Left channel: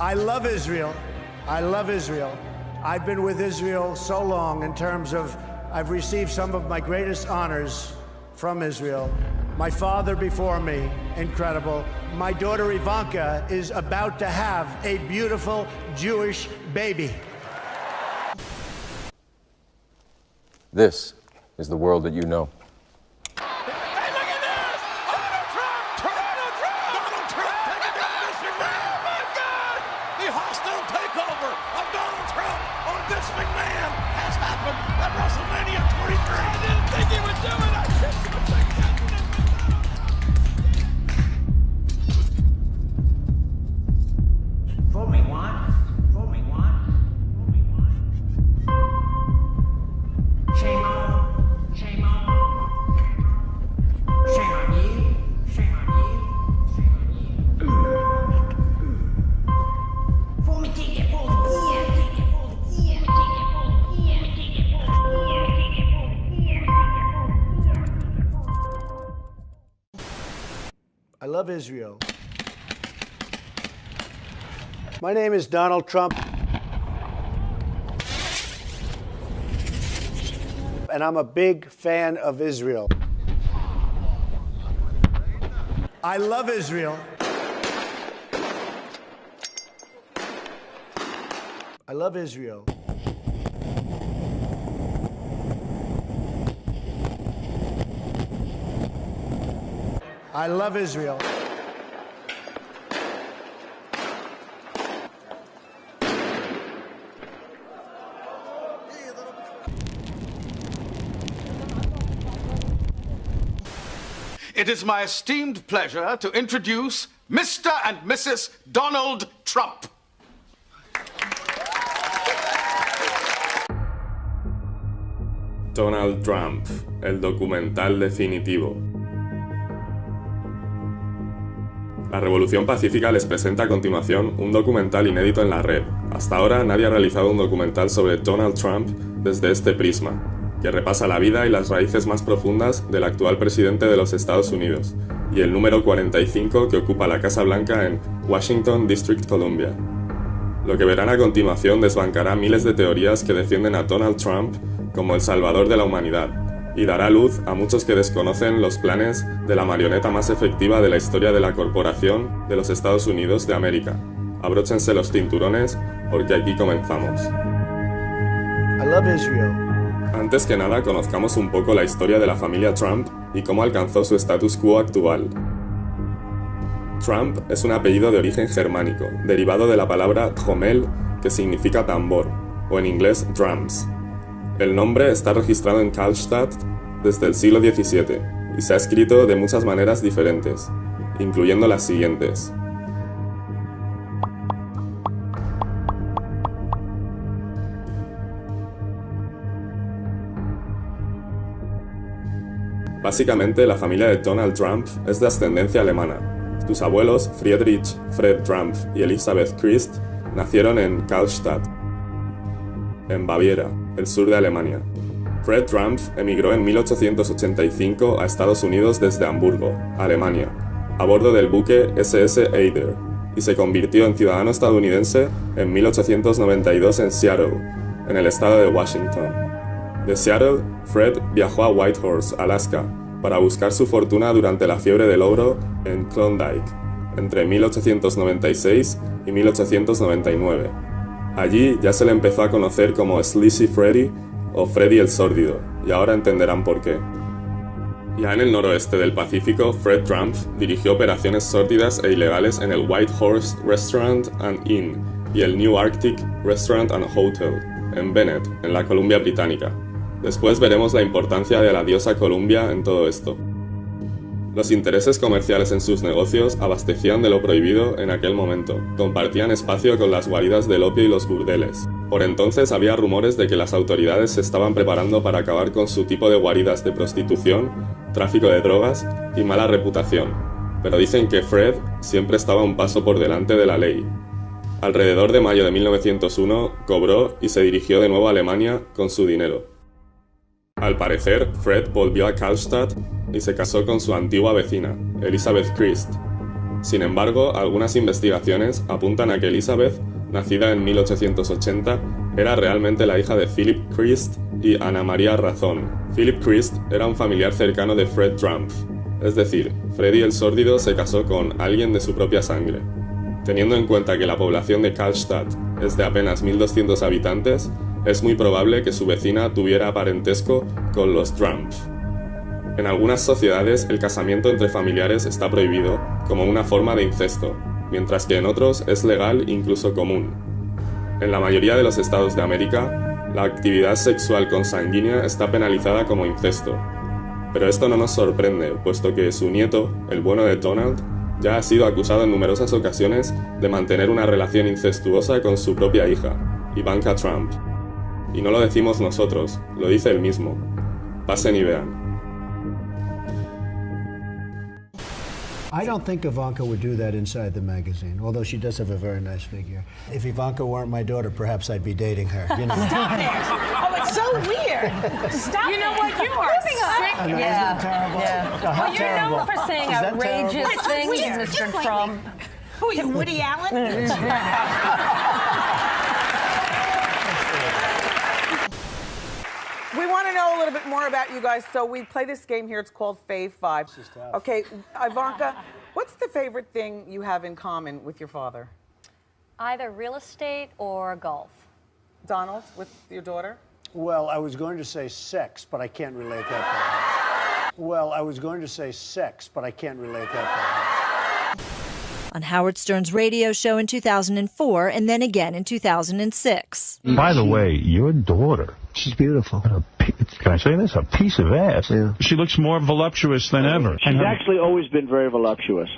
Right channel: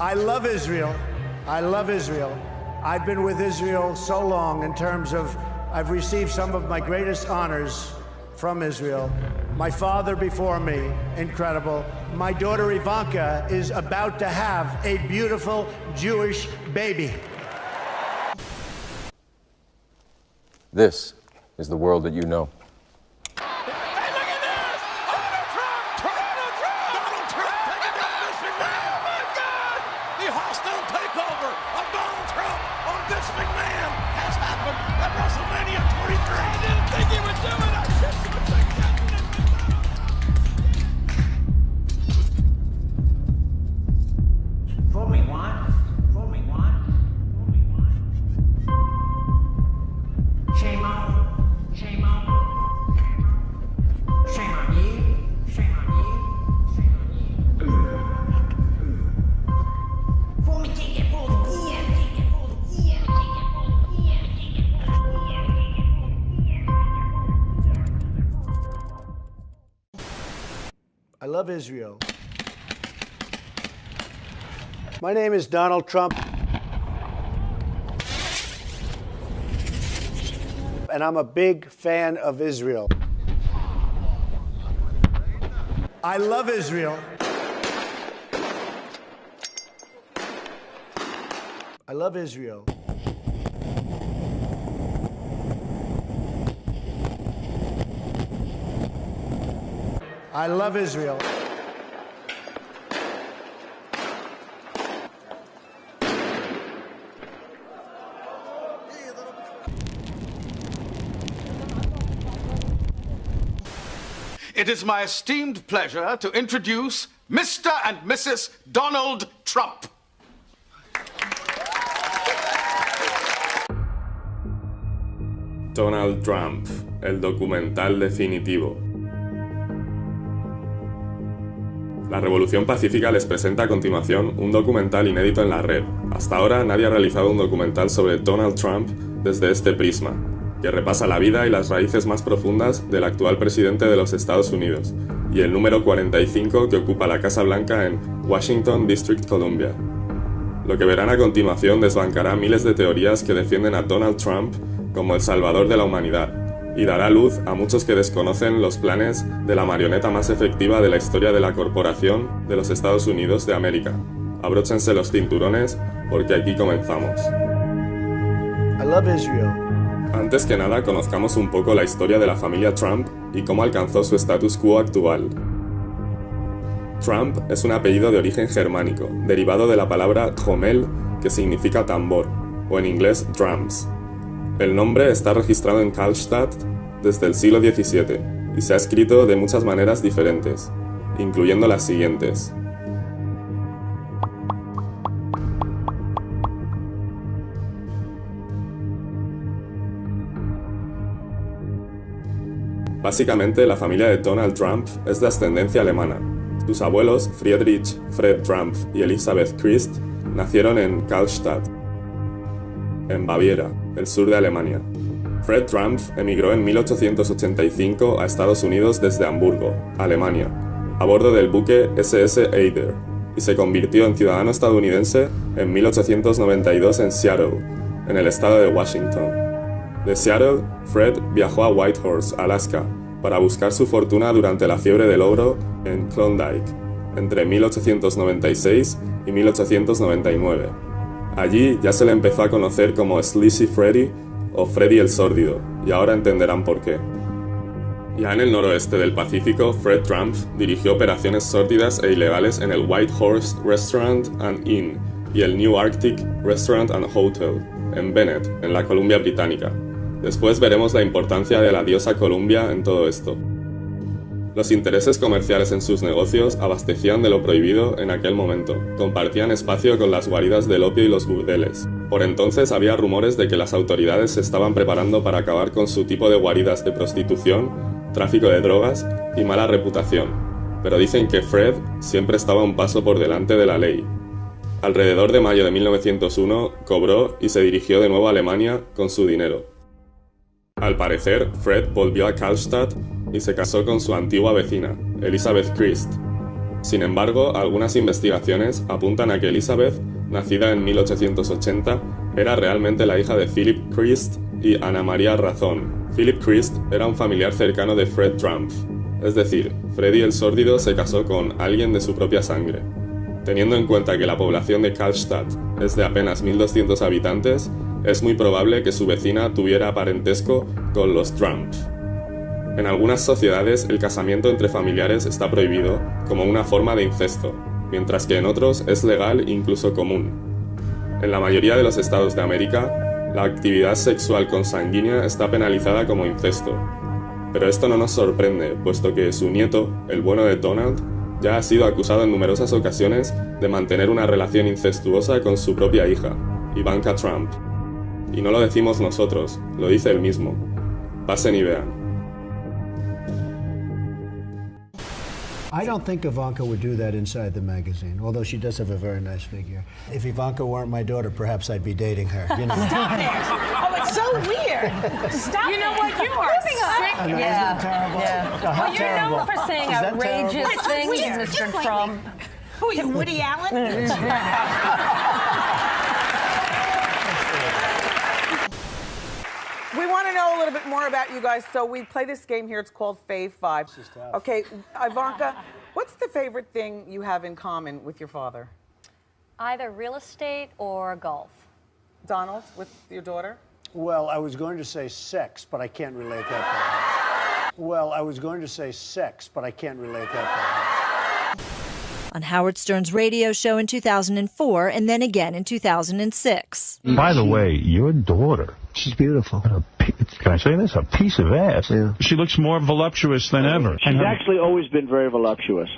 I love Israel. I love Israel. I've been with Israel so long in terms of I've received some of my greatest honors from Israel. My father before me, incredible. My daughter Ivanka is about to have a beautiful Jewish baby. This is the world that you know. I love Israel. My name is Donald Trump, and I'm a big fan of Israel. I love Israel. I love Israel. I love Israel. It is my esteemed pleasure to introduce Mr. and Mrs. Donald Trump. Donald Trump, el documental definitivo. La Revolución Pacífica les presenta a continuación un documental inédito en la red. Hasta ahora nadie ha realizado un documental sobre Donald Trump desde este prisma, que repasa la vida y las raíces más profundas del actual presidente de los Estados Unidos, y el número 45 que ocupa la Casa Blanca en Washington, District Columbia. Lo que verán a continuación desbancará miles de teorías que defienden a Donald Trump como el salvador de la humanidad, y dará luz a muchos que desconocen los planes de la marioneta más efectiva de la historia de la corporación de los Estados Unidos de América. Abróchense los cinturones porque aquí comenzamos. I love Israel. Antes que nada, conozcamos un poco la historia de la familia Trump y cómo alcanzó su status quo actual. Trump es un apellido de origen germánico, derivado de la palabra Trommel, que significa tambor, o en inglés drums. El nombre está registrado en Karlstadt desde el siglo XVII y se ha escrito de muchas maneras diferentes, incluyendo las siguientes. Básicamente, la familia de Donald Trump es de ascendencia alemana. Sus abuelos, Friedrich Fred Trump y Elisabeth Christ, nacieron en Karlstadt, en Baviera, el sur de Alemania. Fred Trump emigró en 1885 a Estados Unidos desde Hamburgo, Alemania, a bordo del buque SS Eider, y se convirtió en ciudadano estadounidense en 1892 en Seattle, en el estado de Washington. De Seattle, Fred viajó a Whitehorse, Alaska, para buscar su fortuna durante la fiebre del oro en Klondike, entre 1896 y 1899. Allí ya se le empezó a conocer como Sleazy Freddy o Freddy el Sórdido, y ahora entenderán por qué. Ya en el noroeste del Pacífico, Fred Trump dirigió operaciones sórdidas e ilegales en el White Horse Restaurant and Inn y el New Arctic Restaurant and Hotel, en Bennett, en la Columbia Británica. Después veremos la importancia de la diosa Columbia en todo esto. Los intereses comerciales en sus negocios abastecían de lo prohibido en aquel momento. Compartían espacio con las guaridas del opio y los burdeles. Por entonces había rumores de que las autoridades se estaban preparando para acabar con su tipo de guaridas de prostitución, tráfico de drogas y mala reputación. Pero dicen que Fred siempre estaba un paso por delante de la ley. Alrededor de mayo de 1901 cobró y se dirigió de nuevo a Alemania con su dinero. Al parecer, Fred volvió a Karlstadt y se casó con su antigua vecina, Elisabeth Christ. Sin embargo, algunas investigaciones apuntan a que Elizabeth, nacida en 1880, era realmente la hija de Philip Christ y Ana María Razón. Philip Christ era un familiar cercano de Fred Trump, es decir, Freddy el Sórdido se casó con alguien de su propia sangre. Teniendo en cuenta que la población de Karlstadt es de apenas 1.200 habitantes, es muy probable que su vecina tuviera parentesco con los Trump. En algunas sociedades el casamiento entre familiares está prohibido como una forma de incesto, mientras que en otros es legal e incluso común. En la mayoría de los estados de América, la actividad sexual consanguínea está penalizada como incesto. Pero esto no nos sorprende, puesto que su nieto, el bueno de Donald, ya ha sido acusado en numerosas ocasiones de mantener una relación incestuosa con su propia hija, Ivanka Trump. Y no lo decimos nosotros, lo dice él mismo. Pasen y vean. I don't think Ivanka would do that inside the magazine, although she does have a very nice figure. If Ivanka weren't my daughter, perhaps I'd be dating her. You know. Stop it! Oh, it's so weird. Stop. You know what? You are sick. I know, isn't that terrible? Yeah. How Well, you're terrible. known for saying Is that outrageous terrible? things, weird. Mr. Just Trump. Who are you, Woody Allen? We want to know a little bit more about you guys, so we play this game here. It's called Fave 5. Okay, Ivanka, what's the favorite thing you have in common with your father? Either real estate or golf. Donald, with your daughter? Well, I was going to say sex, but I can't relate that to her. Well, I was going to say sex, but I can't relate that to her. On Howard Stern's radio show in 2004 and then again in 2006. By the way, your daughter. She's beautiful. Can I say this? A piece of ass. Yeah. She looks more voluptuous than ever. She's actually always been very voluptuous.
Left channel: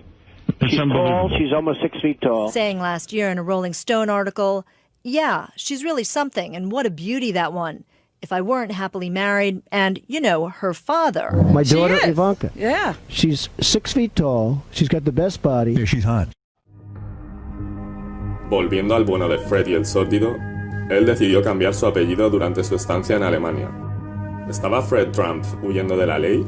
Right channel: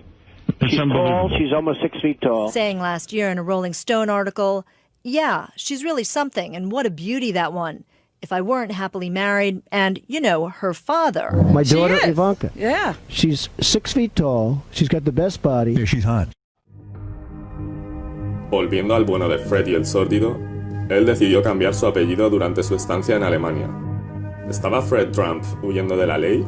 It's She's tall. unbelievable. She's almost 6 feet tall. Saying last year in a Rolling Stone article, yeah, she's really something, and what a beauty that one. If I weren't happily married and, you know, her father. My daughter, Ivanka. Yeah. She's 6 feet tall. She's got the best body. Yeah, she's hot. Volviendo al bueno de Freddy el Sórdido, él decidió cambiar su apellido durante su estancia en Alemania. ¿Estaba Fred Trump huyendo de la ley?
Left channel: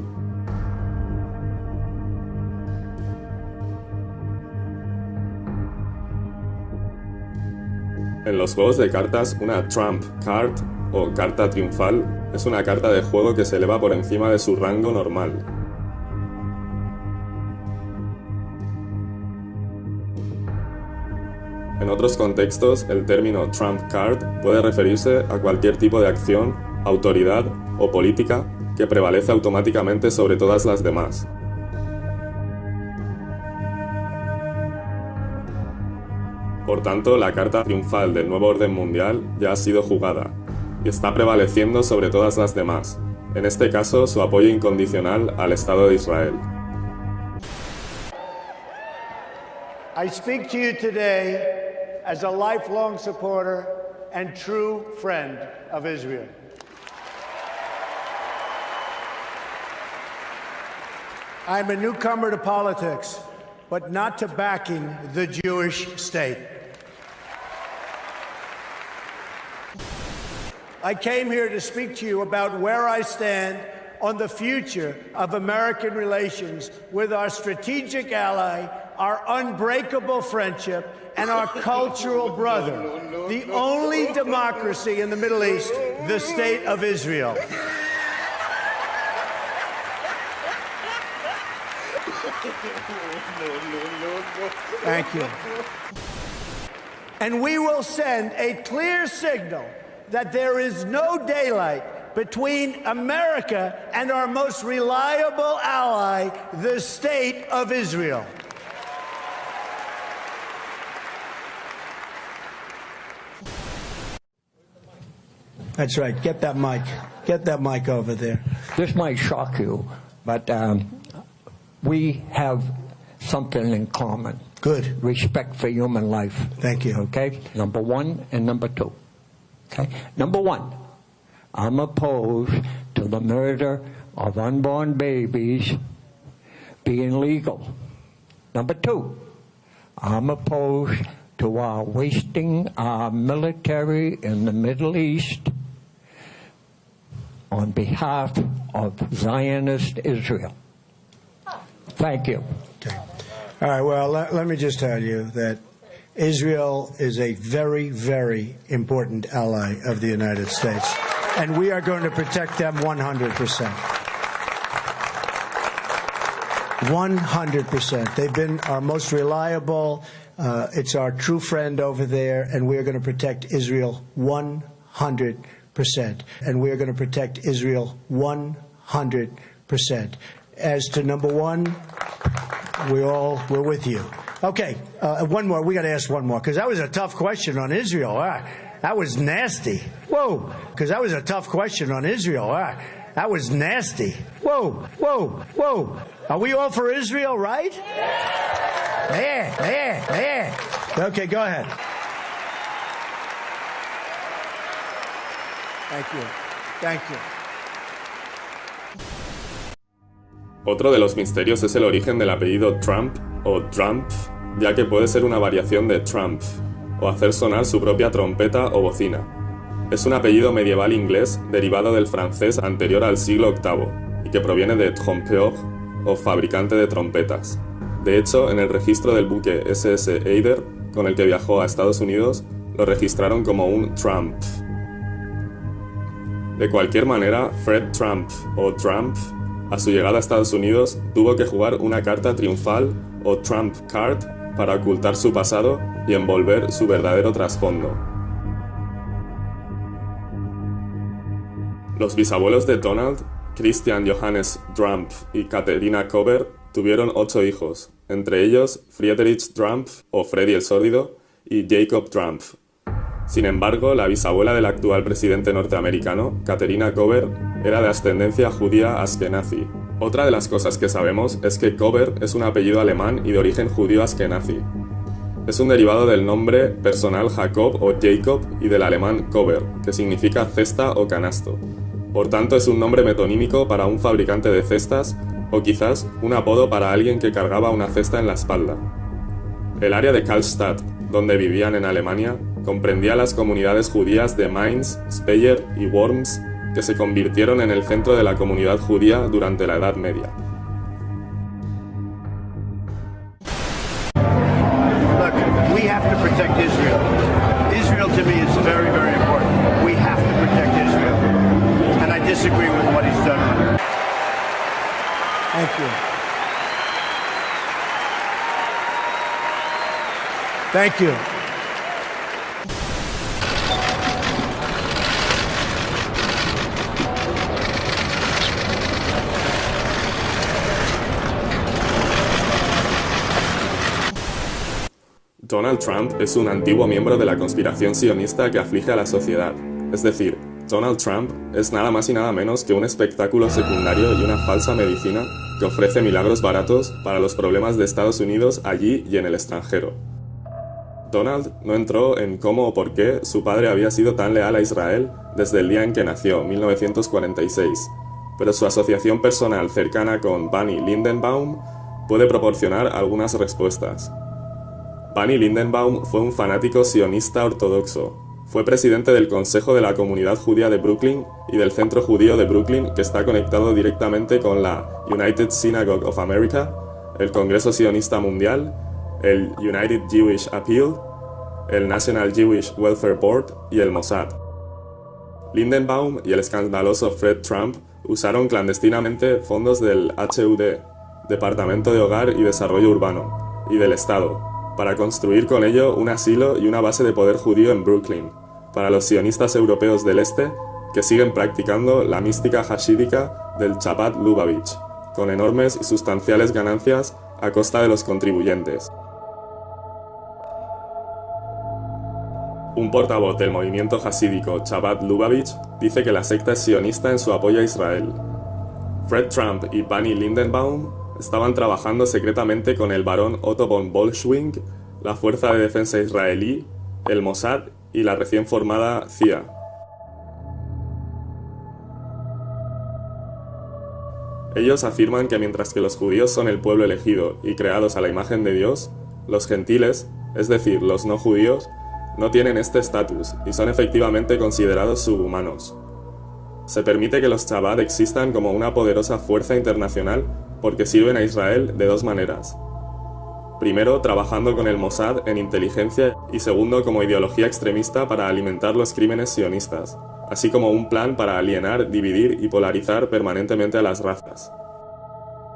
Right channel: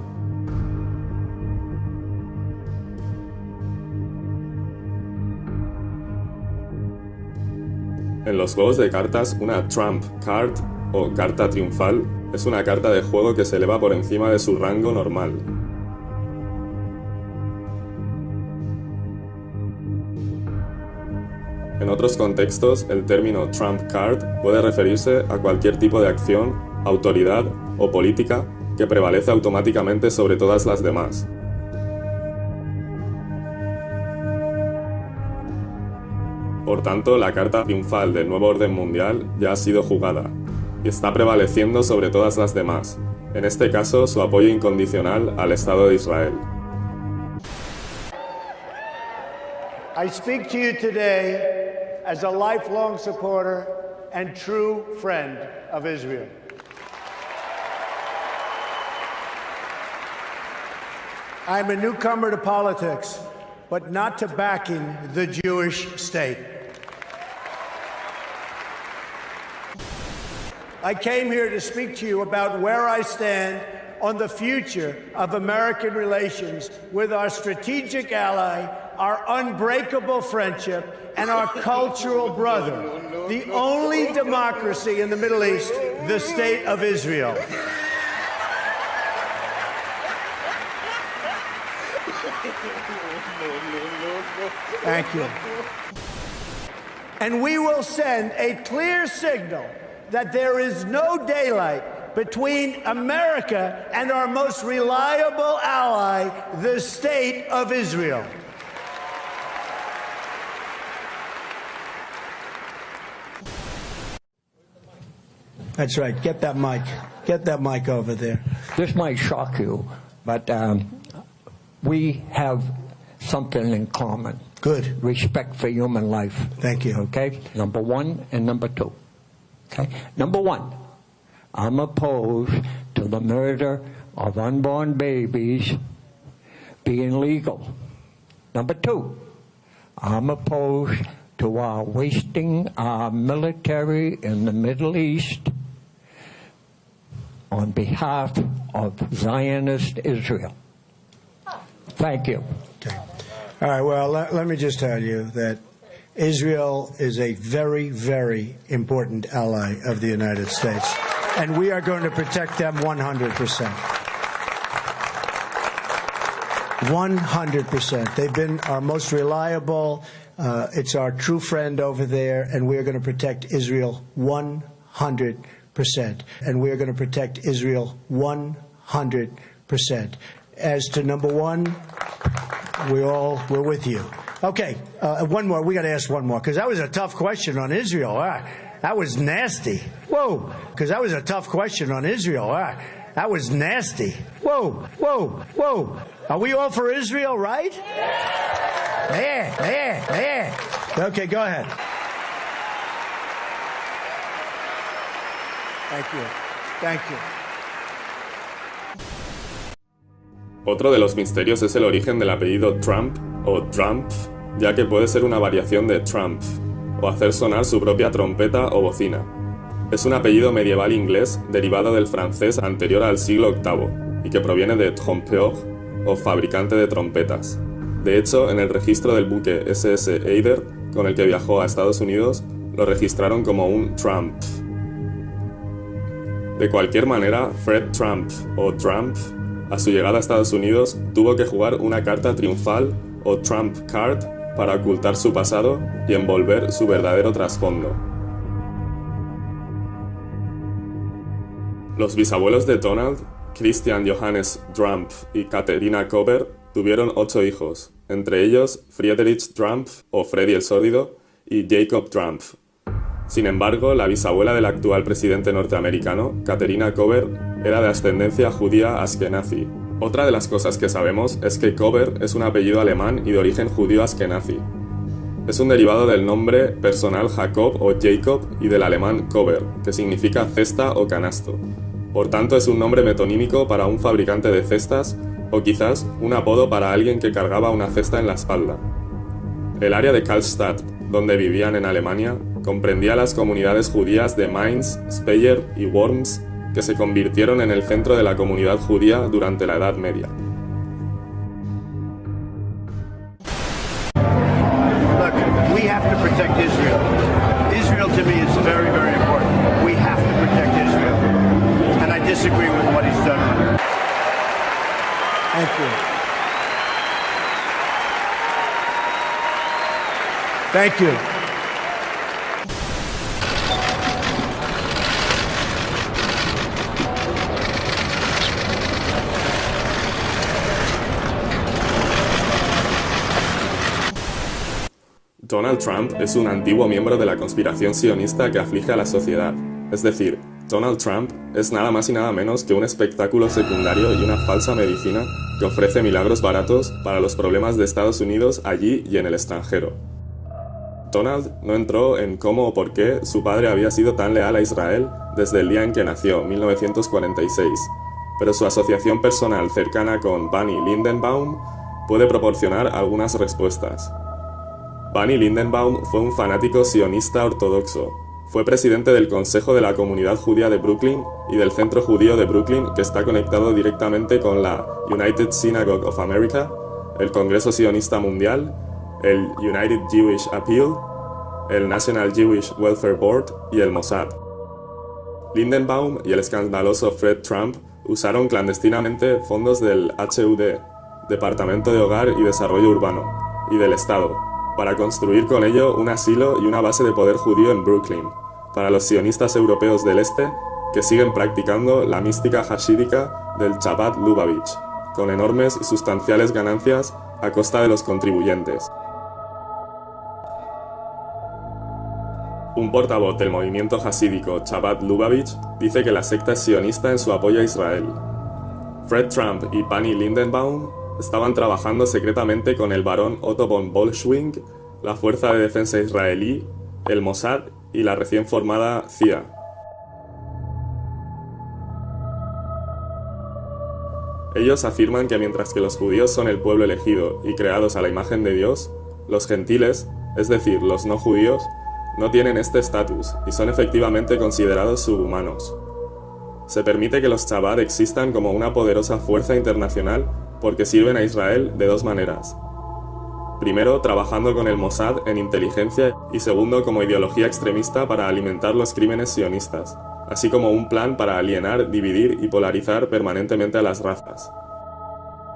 En los juegos de cartas, una Trump Card o carta triunfal es una carta de juego que se eleva por encima de su rango normal. En otros contextos, el término Trump Card puede referirse a cualquier tipo de acción, autoridad o política que prevalece automáticamente sobre todas las demás. Por tanto, la carta triunfal del nuevo orden mundial ya ha sido jugada y está prevaleciendo sobre todas las demás, en este caso su apoyo incondicional al Estado de Israel. I speak to you today as a lifelong supporter and true friend of Israel. I'm a newcomer to politics, but not to backing the Jewish state. I came here to speak to you about where I stand on the future of American relations with our strategic ally, our unbreakable friendship, and our cultural brother, the only democracy in the Middle East, the State of Israel. Thank you. And we will send a clear signal that there is no daylight between America and our most reliable ally, the State of Israel. That's right. Get that mic. Get that mic over there. This might shock you, but we have something in common. Good. Respect for human life. Thank you. Okay? Number one and number two. Okay? Number one, I'm opposed to the murder of unborn babies being legal. Number two, I'm opposed to our wasting our military in the Middle East on behalf of Zionist Israel. Thank you. Okay. All right, well, let me just tell you that Israel is a very, very important ally of the United States, and we are going to protect them 100%. 100%. They've been our most reliable. It's our true friend over there, and we are going to protect Israel 100%. And we are going to protect Israel 100%. As to number one, we're with you. Okay, one more. We got to ask one more, because that was a tough question on Israel. That was nasty. Whoa, because that was a tough question on Israel. That was nasty. Whoa, whoa, whoa. Are we all for Israel, right? Yeah. Okay, go ahead. Thank you. Otro de los misterios es el origen del apellido Trump o Trump, ya que puede ser una variación de Trump, o hacer sonar su propia trompeta o bocina. Es un apellido medieval inglés derivado del francés anterior al siglo VIII y que proviene de trompeur o fabricante de trompetas. De hecho, en el registro del buque SS Eider, con el que viajó a Estados Unidos, lo registraron como un Trump. De cualquier manera, Fred Trump o Trump, a su llegada a Estados Unidos, tuvo que jugar una carta triunfal o Trump card para ocultar su pasado y envolver su verdadero trasfondo. Los bisabuelos de Donald, Christian Johannes Trump y Katharina Kober, tuvieron 8 hijos, entre ellos Friedrich Trump, o Freddy el Sórdido, y Jacob Trump. Sin embargo, la bisabuela del actual presidente norteamericano, Katharina Kober, era de ascendencia judía askenazi. Otra de las cosas que sabemos es que Kober es un apellido alemán y de origen judío askenazi. Es un derivado del nombre personal Jacob o Jacob y del alemán Kober, que significa cesta o canasto. Por tanto, es un nombre metonímico para un fabricante de cestas o quizás un apodo para alguien que cargaba una cesta en la espalda. El área de Karlstadt, donde vivían en Alemania, comprendía las comunidades judías de Mainz, Speyer y Worms, que se convirtieron en el centro de la comunidad judía durante la Edad Media. Look, we have to protect Israel. Israel to me is very, very important. We have to protect Israel. And I disagree with what he's done. Thank you. Thank you. Donald Trump es un antiguo miembro de la conspiración sionista que aflige a la sociedad. Es decir, Donald Trump es nada más y nada menos que un espectáculo secundario y una falsa medicina que ofrece milagros baratos para los problemas de Estados Unidos allí y en el extranjero. Donald no entró en cómo o por qué su padre había sido tan leal a Israel desde el día en que nació, 1946, pero su asociación personal cercana con Bunny Lindenbaum puede proporcionar algunas respuestas. Bunny Lindenbaum fue un fanático sionista ortodoxo. Fue presidente del Consejo de la Comunidad Judía de Brooklyn y del Centro Judío de Brooklyn, que está conectado directamente con la United Synagogue of America, el Congreso Sionista Mundial, el United Jewish Appeal, el National Jewish Welfare Board y el Mossad. Lindenbaum y el escandaloso Fred Trump usaron clandestinamente fondos del HUD, Departamento de Hogar y Desarrollo Urbano, y del Estado, para construir con ello un asilo y una base de poder judío en Brooklyn, para los sionistas europeos del este que siguen practicando la mística hasídica del Chabad Lubavitch, con enormes y sustanciales ganancias a costa de los contribuyentes. Un portavoz del movimiento hasídico Chabad Lubavitch dice que la secta es sionista en su apoyo a Israel. Fred Trump y Bunny Lindenbaum estaban trabajando secretamente con el barón Otto von Bolschwing, la Fuerza de Defensa Israelí, el Mossad y la recién formada CIA. Ellos afirman que mientras que los judíos son el pueblo elegido y creados a la imagen de Dios, los gentiles, es decir, los no judíos, no tienen este estatus y son efectivamente considerados subhumanos. Se permite que los Chabad existan como una poderosa fuerza internacional porque sirven a Israel de dos maneras. Primero, trabajando con el Mossad en inteligencia y segundo, como ideología extremista para alimentar los crímenes sionistas, así como un plan para alienar, dividir y polarizar permanentemente a las razas.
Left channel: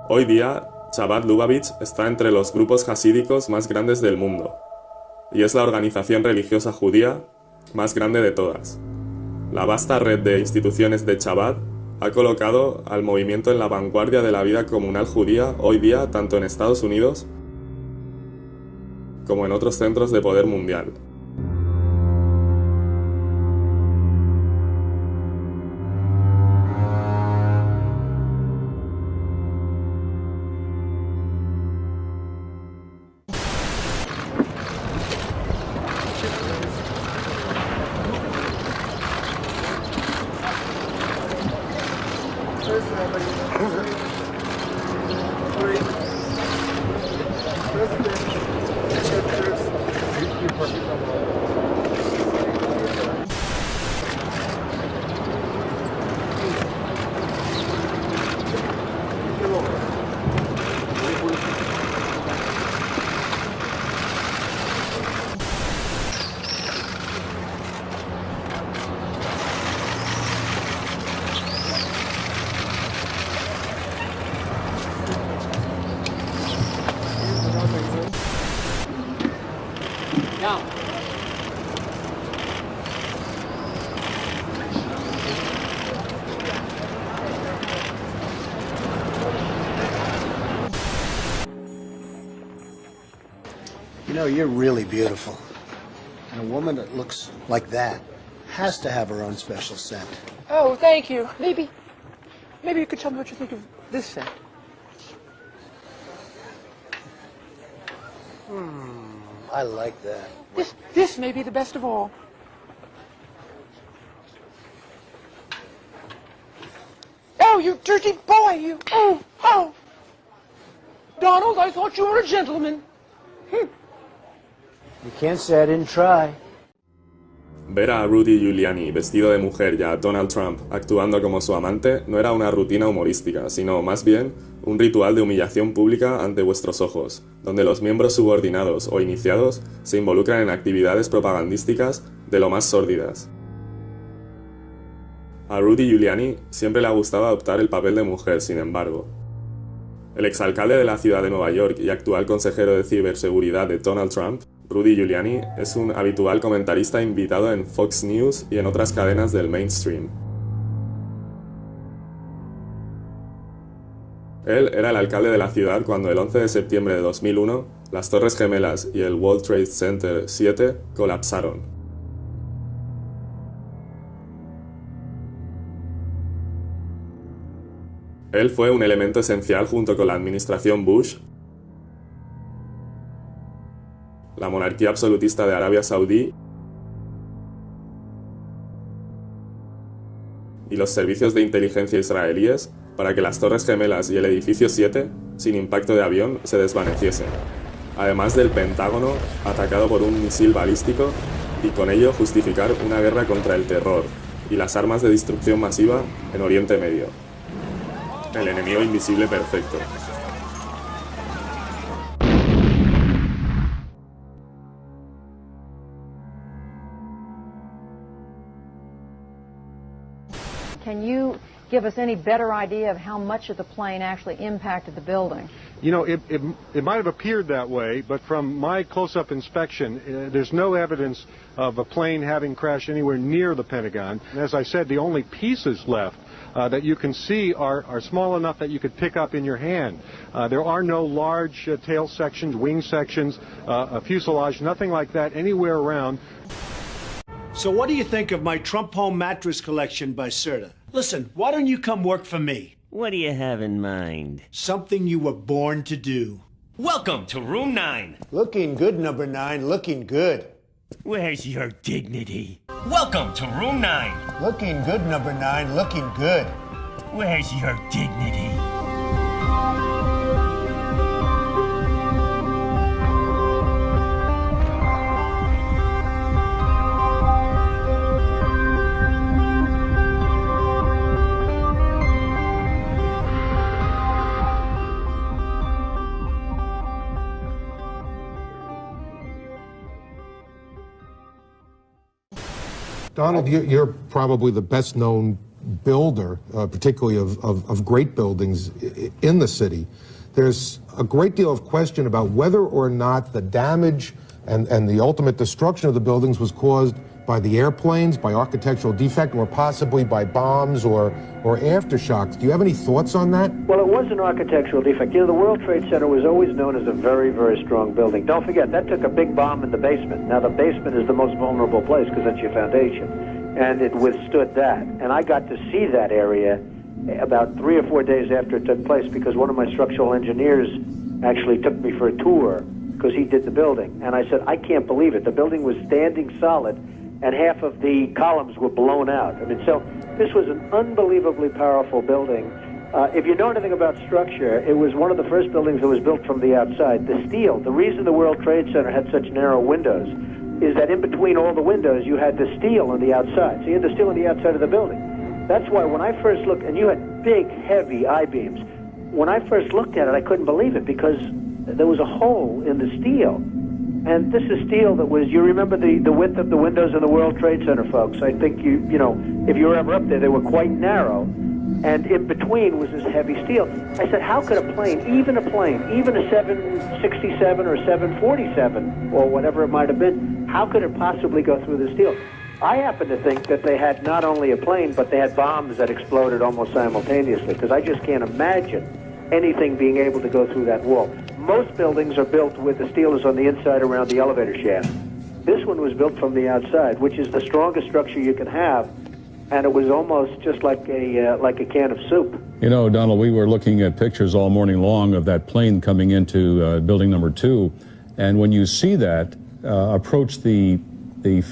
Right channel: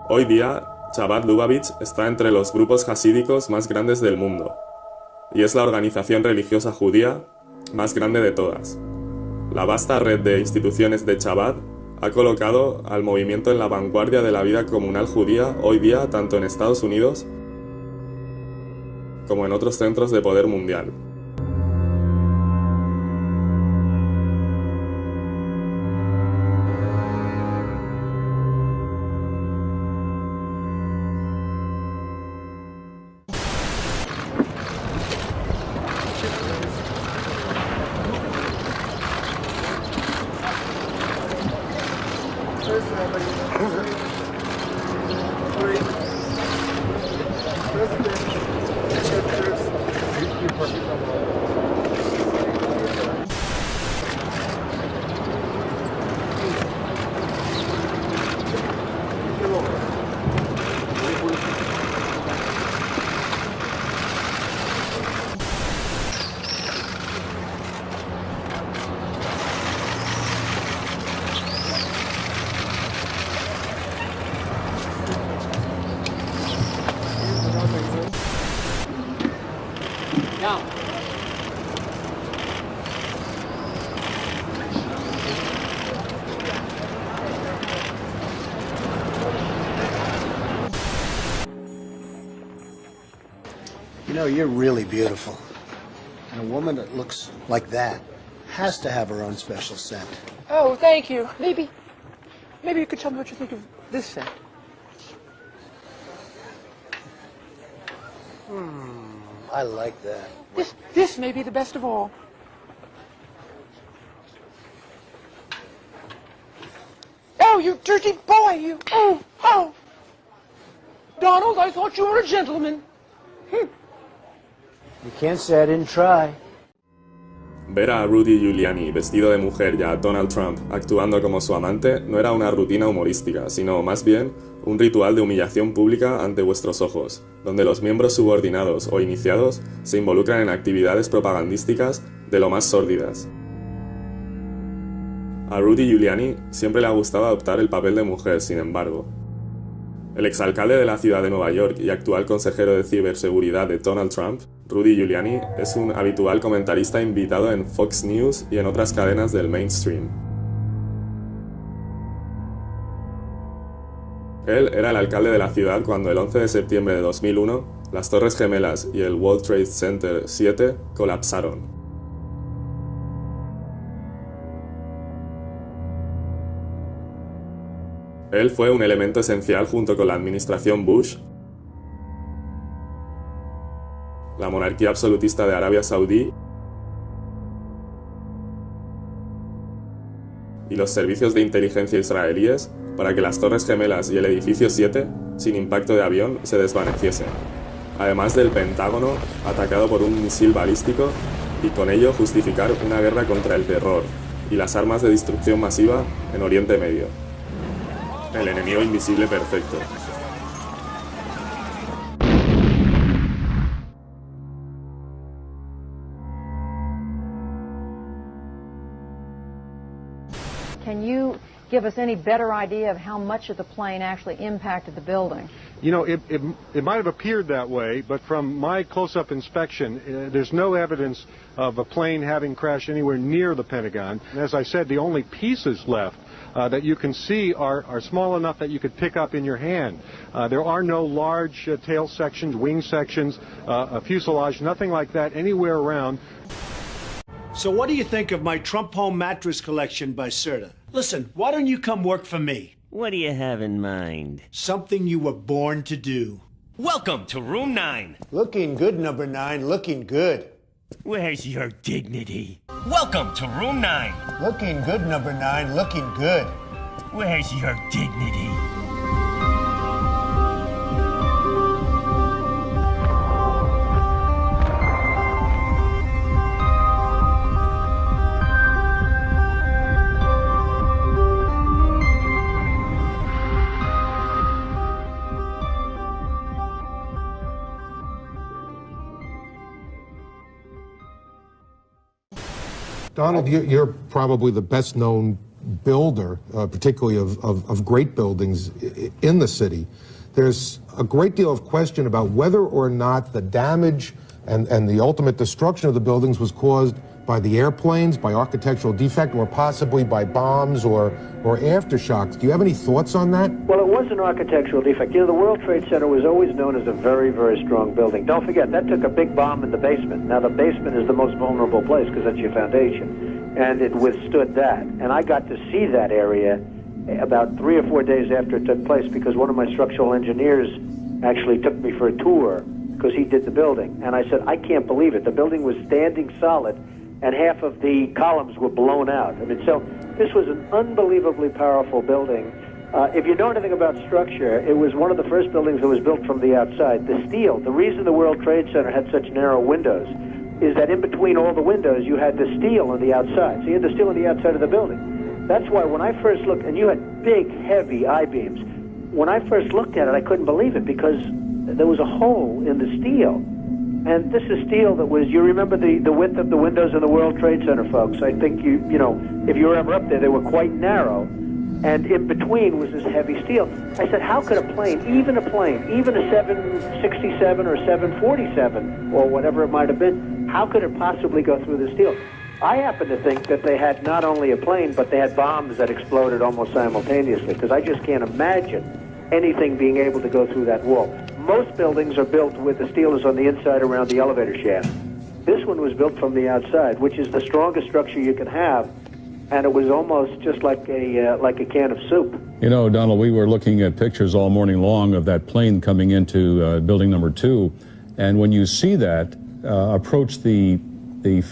Hoy día, Chabad Lubavitch está entre los grupos hasídicos más grandes del mundo y es la organización religiosa judía más grande de todas. La vasta red de instituciones de Chabad ha colocado al movimiento en la vanguardia de la vida comunal judía hoy día tanto en Estados Unidos como en otros centros de poder mundial. You know, you're really beautiful. And a woman that looks like that has to have her own special scent. Oh, thank you. Maybe you could tell me what you think of this scent. I like that. This may be the best of all. Oh, you dirty boy, you. Oh. Donald, I thought you were a gentleman. You can't say I didn't try. Ver a Rudy Giuliani vestido de mujer y a Donald Trump actuando como su amante no era una rutina humorística, sino más bien un ritual de humillación pública ante vuestros ojos, donde los miembros subordinados o iniciados se involucran en actividades propagandísticas de lo más sórdidas. A Rudy Giuliani siempre le ha gustado adoptar el papel de mujer, sin embargo. El exalcalde de la ciudad de Nueva York y actual consejero de ciberseguridad de Donald Trump, Rudy Giuliani, es un habitual comentarista invitado en Fox News y en otras cadenas del mainstream. Él era el alcalde de la ciudad cuando el 11 de septiembre de 2001 las Torres Gemelas y el World Trade Center 7 colapsaron. Él fue un elemento esencial junto con la administración Bush, la monarquía absolutista de Arabia Saudí y los servicios de inteligencia israelíes para que las Torres Gemelas y el edificio 7, sin impacto de avión, se desvaneciesen, además del Pentágono atacado por un misil balístico y con ello justificar una guerra contra el terror y las armas de destrucción masiva en Oriente Medio. El enemigo invisible perfecto. Can you give us any better idea of how much of the plane actually impacted the building? You know, it might have appeared that way, but from my close-up inspection, there's no evidence of a plane having crashed anywhere near the Pentagon. And as I said, the only pieces left that you can see are small enough that you could pick up in your hand. There are no large tail sections, wing sections, a fuselage, nothing like that anywhere around. So what do you think of my Trump Home mattress collection by Serta? Listen, why don't you come work for me? What do you have in mind? Something you were born to do. Welcome to Room 9. Looking good, number 9. Looking good. Where's your dignity? Welcome to Room 9. Looking good, number 9. Looking good. Where's your dignity? Donald, you're probably the best known builder, particularly of great buildings in the city. There's a great deal of question about whether or not the damage and the ultimate destruction of the buildings was caused by the airplanes, by architectural defect, or possibly by bombs or aftershocks. Do you have any thoughts on that? Well, it was an architectural defect. You know, the World Trade Center was always known as a very, very strong building. Don't forget, that took a big bomb in the basement. Now, the basement is the most vulnerable place because that's your foundation. And it withstood that. And I got to see that area about 3 or 4 days after it took place because one of my structural engineers actually took me for a tour because he did the building. And I said, I can't believe it. The building was standing solid and half of the columns were blown out. I mean, so this was an unbelievably powerful building. If you know anything about structure, it was one of the first buildings that was built from the outside. The steel, the reason the World Trade Center had such narrow windows is that in between all the windows, you had the steel on the outside. So you had the steel on the outside of the building. That's why when I first looked, and you had big, heavy I-beams, when I first looked at it, I couldn't believe it because there was a hole in the steel. And this is steel that was, you remember the width of the windows in the World Trade Center, folks. I think you know, if you were ever up there, they were quite narrow. And in between was this heavy steel. I said, how could a plane, even a 767 or 747, or whatever it might have been, how could it possibly go through the steel? I happen to think that they had not only a plane, but they had bombs that exploded almost simultaneously, because I just can't imagine anything being able to go through that wall. Most buildings are built with the steel is on the inside around the elevator shaft. This one was built from the outside, which is the strongest structure you can have, and it was almost just like a can of soup. You know, Donald, we were looking at pictures all morning long of that plane coming into building number 2, and when you see that approach the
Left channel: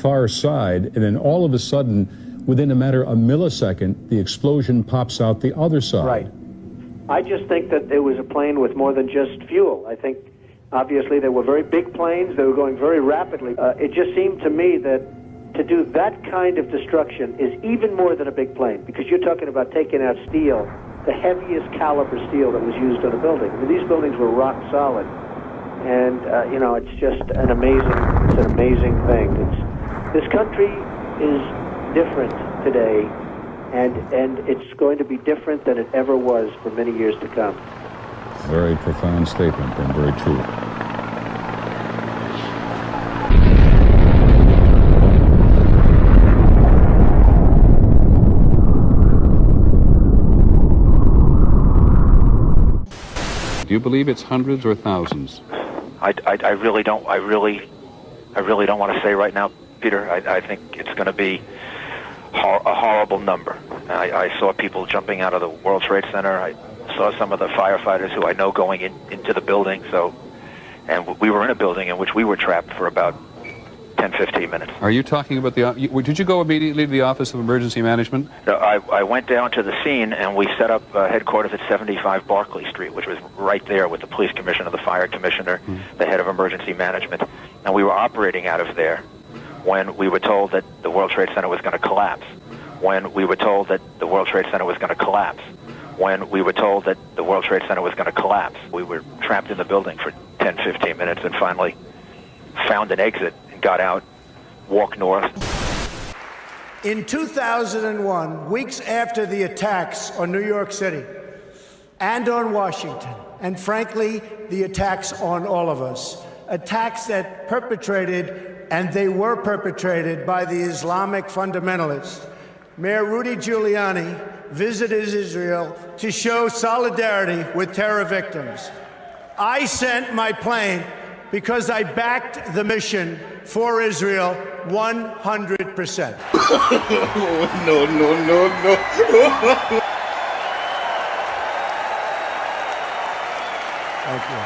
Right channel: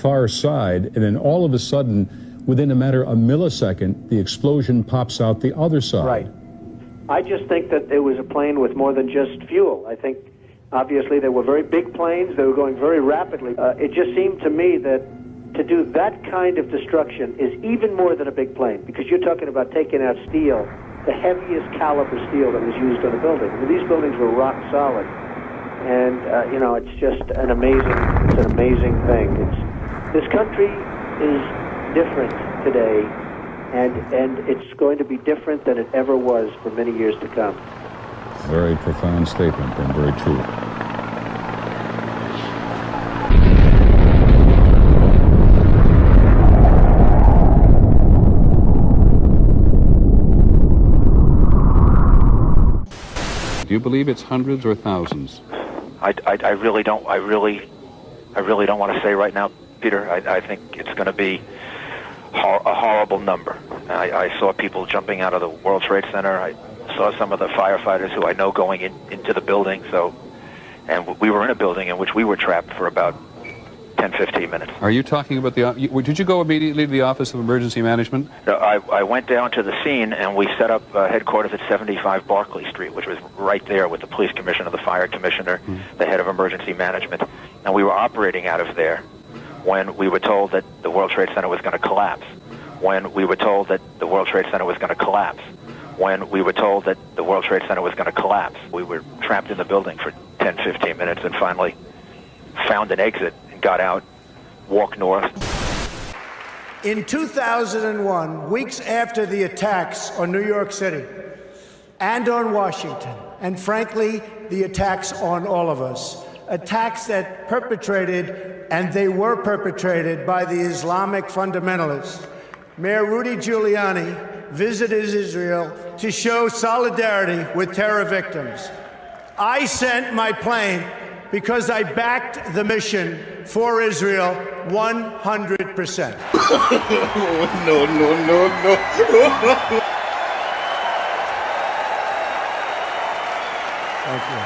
far side, and then all of a sudden, within a matter of a millisecond, the explosion pops out the other side. Right. I just think that it was a plane with more than just fuel. I think, obviously, they were very big planes. They were going very rapidly. It just seemed to me that to do that kind of destruction is even more than a big plane, because you're talking about taking out steel, the heaviest caliber steel that was used on a building. I mean, these buildings were rock solid. And, you know, it's just an amazing thing. This country is different today. And it's going to be different than it ever was for many years to come. Very profound statement and very true. Do you believe it's hundreds or thousands? I really don't. I really don't want to say right now, Peter. I think it's going to be a horrible number. I saw people jumping out of the World Trade Center. I saw some of the firefighters who I know going into the building. And we were in a building in which we were trapped for about 10-15 minutes. Are you talking about did you go immediately to the Office of Emergency Management? No, I went down to the scene and we set up headquarters at 75 Barclay Street, which was right there with the police commissioner, the fire commissioner, the head of emergency management. And we were operating out of there when we were told that the World Trade Center was going to collapse. When we were told that the World Trade Center was going to collapse. When we were told that the World Trade Center was going to collapse. We were trapped in the building for 10-15 minutes and finally found an exit and got out, walked north. In 2001, weeks after the attacks on New York City and on Washington, and frankly, the attacks on all of us, attacks that and they were perpetrated by the Islamic fundamentalists, Mayor Rudy Giuliani visited Israel to show solidarity with terror victims. I sent my plane because I backed the mission for Israel 100%. No. Thank you.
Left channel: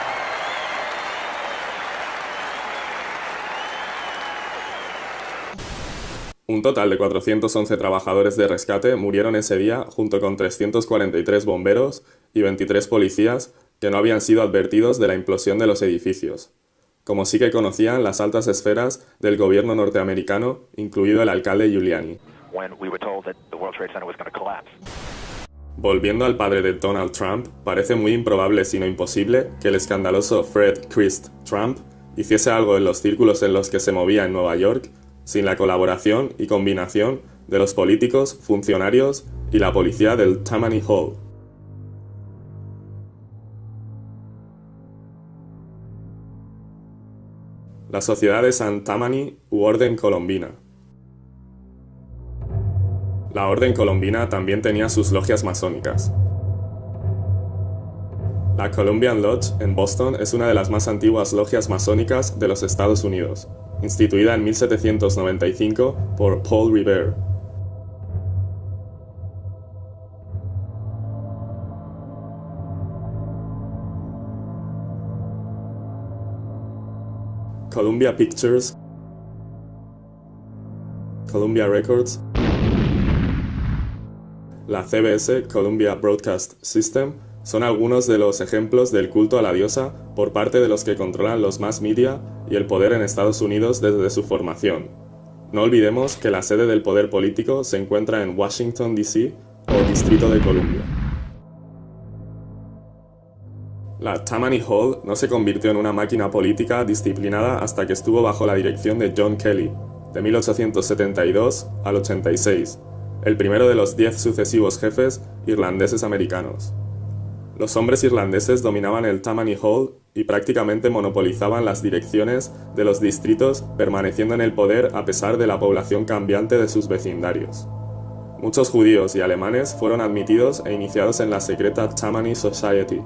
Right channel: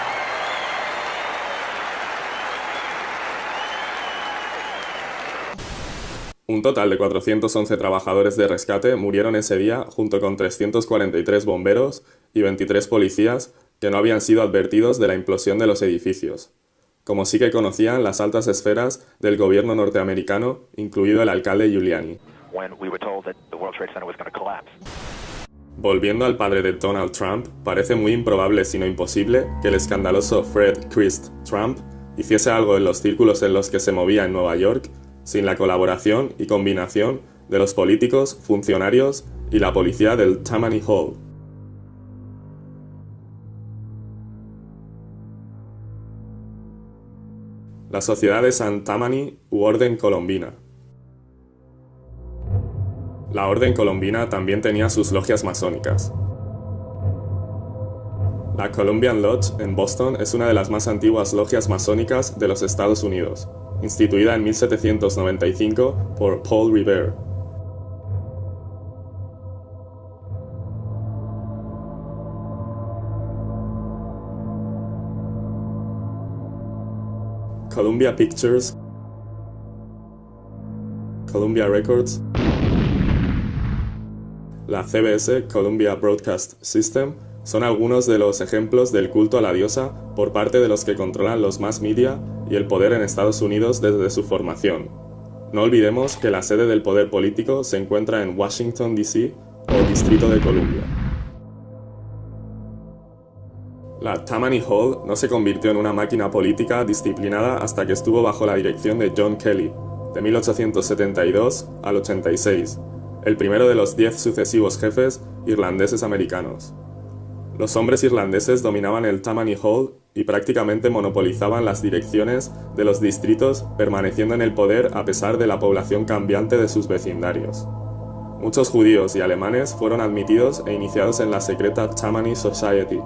Un total de 411 trabajadores de rescate murieron ese día junto con 343 bomberos y 23 policías que no habían sido advertidos de la implosión de los edificios, como sí que conocían las altas esferas del gobierno norteamericano, incluido el alcalde Giuliani. Volviendo al padre de Donald Trump, parece muy improbable, si no imposible, que el escandaloso Fred Trump hiciese algo en los círculos en los que se movía en Nueva York sin la colaboración y combinación de los políticos, funcionarios y la policía del Tammany Hall. La Sociedad de San Tammany u Orden Colombina. La Orden Colombina también tenía sus logias masónicas. La Columbian Lodge en Boston es una de las más antiguas logias masónicas de los Estados Unidos, instituida en 1795 por Paul Revere. Columbia Pictures, Columbia Records, la CBS, Columbia Broadcast System, son algunos de los ejemplos del culto a la diosa por parte de los que controlan los mass media y el poder en Estados Unidos desde su formación. No olvidemos que la sede del poder político se encuentra en Washington, D.C. o Distrito de Columbia. La Tammany Hall no se convirtió en una máquina política disciplinada hasta que estuvo bajo la dirección de John Kelly, de 1872 al 86, el primero de los 10 sucesivos jefes irlandeses americanos. Los hombres irlandeses dominaban el Tammany Hall y prácticamente monopolizaban las direcciones de los distritos, permaneciendo en el poder a pesar de la población cambiante de sus vecindarios. Muchos judíos y alemanes fueron admitidos e iniciados en la secreta Tammany Society.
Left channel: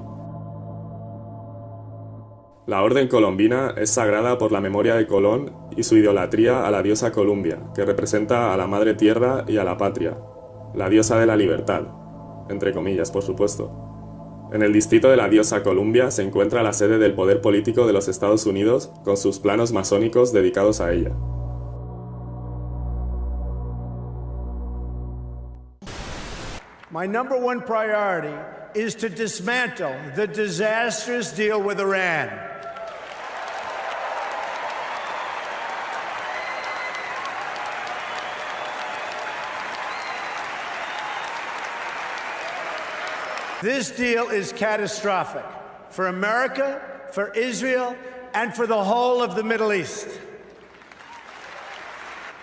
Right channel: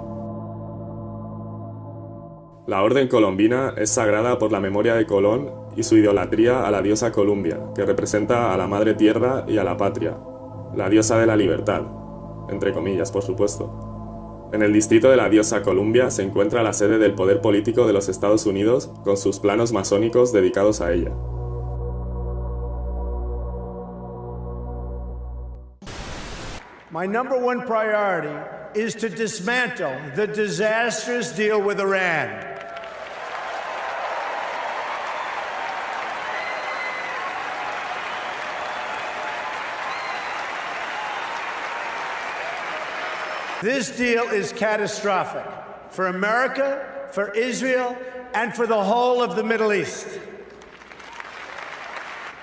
La Orden Colombina es sagrada por la memoria de Colón y su idolatría a la diosa Columbia, que representa a la Madre Tierra y a la Patria, la diosa de la libertad, entre comillas, por supuesto. En el distrito de la diosa Columbia se encuentra la sede del poder político de los Estados Unidos, con sus planos masónicos dedicados a ella. My number one priority is to dismantle the disastrous deal with Iran. This deal is catastrophic for America, for Israel, and for the whole of the Middle East.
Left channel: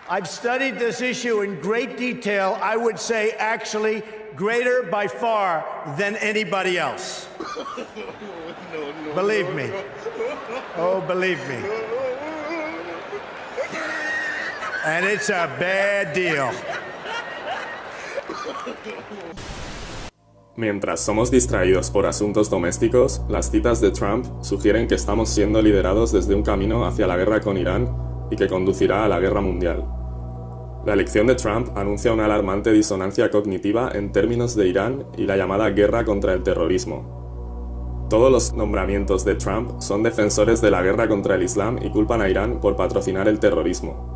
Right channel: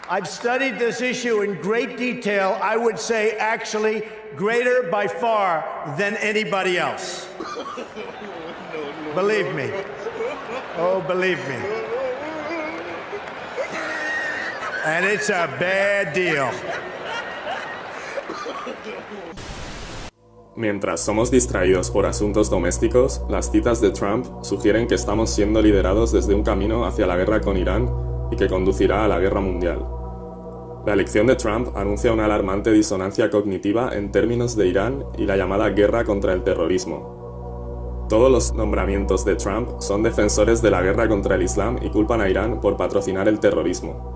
I've studied this issue in great detail, I would say actually greater by far than anybody else. Believe me. Oh, believe me. And it's a bad deal. Mientras somos distraídos por asuntos domésticos, las citas de Trump sugieren que estamos siendo liderados desde un camino hacia la guerra con Irán y que conducirá a la guerra mundial. La elección de Trump anuncia una alarmante disonancia cognitiva en términos de Irán y la llamada guerra contra el terrorismo. Todos los nombramientos de Trump son defensores de la guerra contra el Islam y culpan a Irán por patrocinar el terrorismo.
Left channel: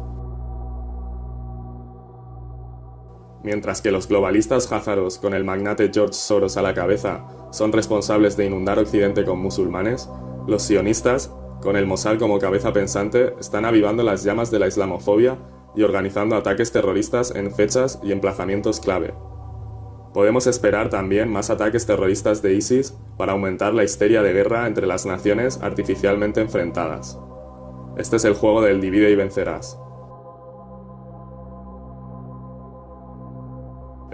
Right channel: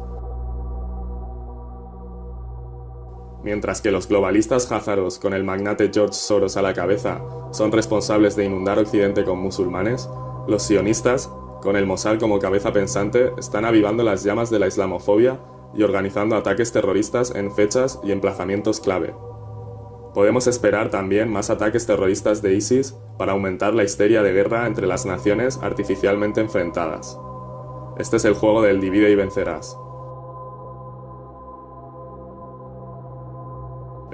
Mientras que los globalistas házaros con el magnate George Soros a la cabeza son responsables de inundar Occidente con musulmanes, los sionistas, con el Mossad como cabeza pensante, están avivando las llamas de la islamofobia y organizando ataques terroristas en fechas y emplazamientos clave. Podemos esperar también más ataques terroristas de ISIS para aumentar la histeria de guerra entre las naciones artificialmente enfrentadas. Este es el juego del divide y vencerás.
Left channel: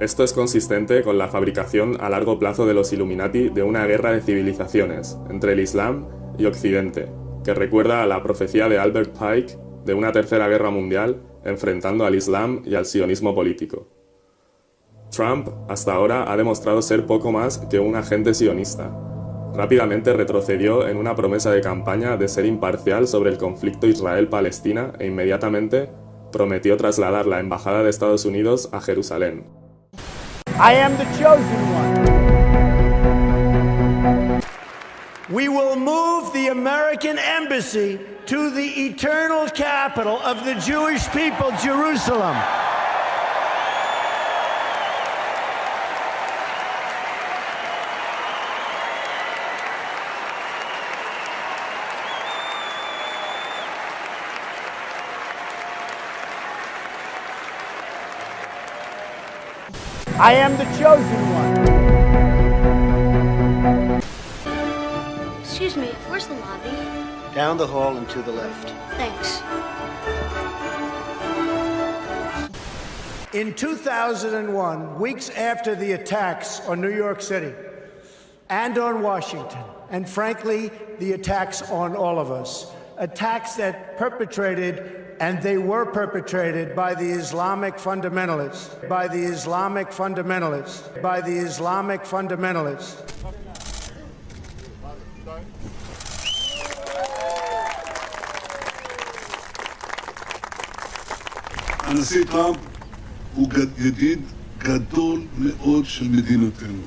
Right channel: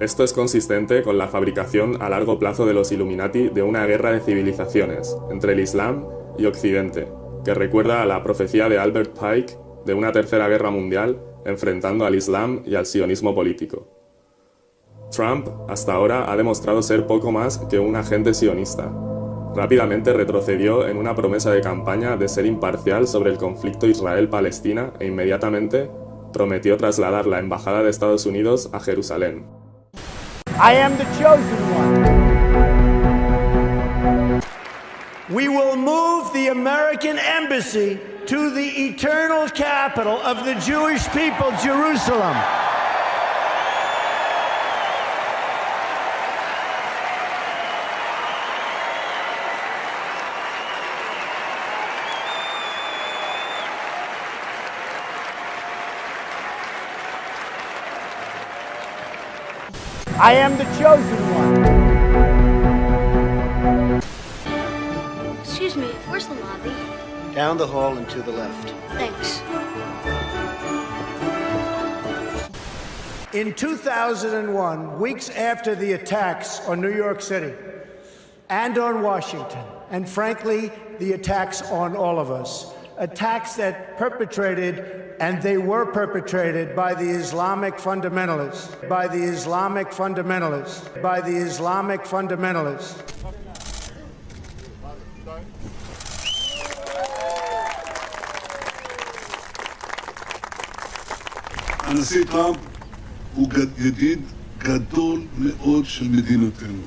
Esto es consistente con la fabricación a largo plazo de los Illuminati de una guerra de civilizaciones entre el Islam y Occidente, que recuerda a la profecía de Albert Pike de una tercera guerra mundial enfrentando al Islam y al sionismo político. Trump, hasta ahora, ha demostrado ser poco más que un agente sionista. Rápidamente retrocedió en una promesa de campaña de ser imparcial sobre el conflicto Israel-Palestina e inmediatamente prometió trasladar la embajada de Estados Unidos a Jerusalén. I am the chosen one. We will move the American embassy to the eternal capital of the Jewish people, Jerusalem. I am the chosen one. Excuse me, where's the lobby? Down the hall and to the left. Thanks. In 2001, weeks after the attacks on New York City and on Washington, and frankly, the attacks on all of us, attacks that perpetrated, and they were perpetrated by the Islamic fundamentalists, by the Islamic fundamentalists, by the Islamic fundamentalists. הנשיא טראמפ הוא ידיד גדול מאוד של מדינתנו.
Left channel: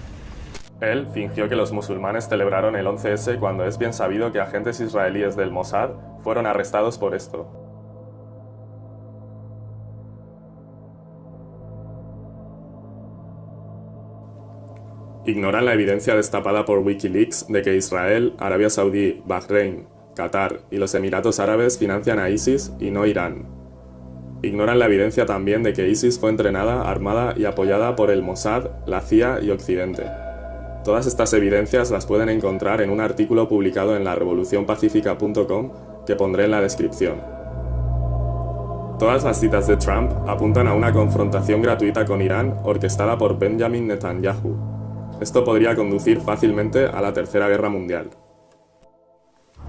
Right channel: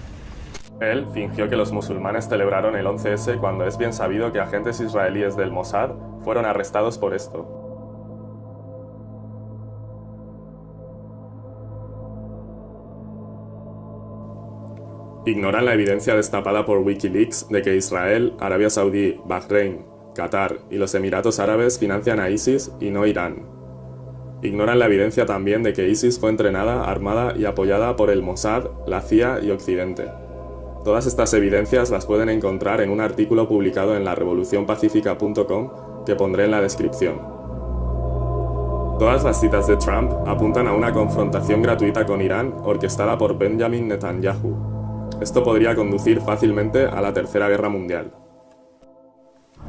Él fingió que los musulmanes celebraron el 11S cuando es bien sabido que agentes israelíes del Mossad fueron arrestados por esto. Ignoran la evidencia destapada por Wikileaks de que Israel, Arabia Saudí, Bahrein, Qatar y los Emiratos Árabes financian a ISIS y no Irán. Ignoran la evidencia también de que ISIS fue entrenada, armada y apoyada por el Mossad, la CIA y Occidente. Todas estas evidencias las pueden encontrar en un artículo publicado en la REVOLUCÍONPACÍFICA.com que pondré en la descripción. Todas las citas de Trump apuntan a una confrontación gratuita con Irán orquestada por Benjamin Netanyahu. Esto podría conducir fácilmente a la Tercera Guerra Mundial.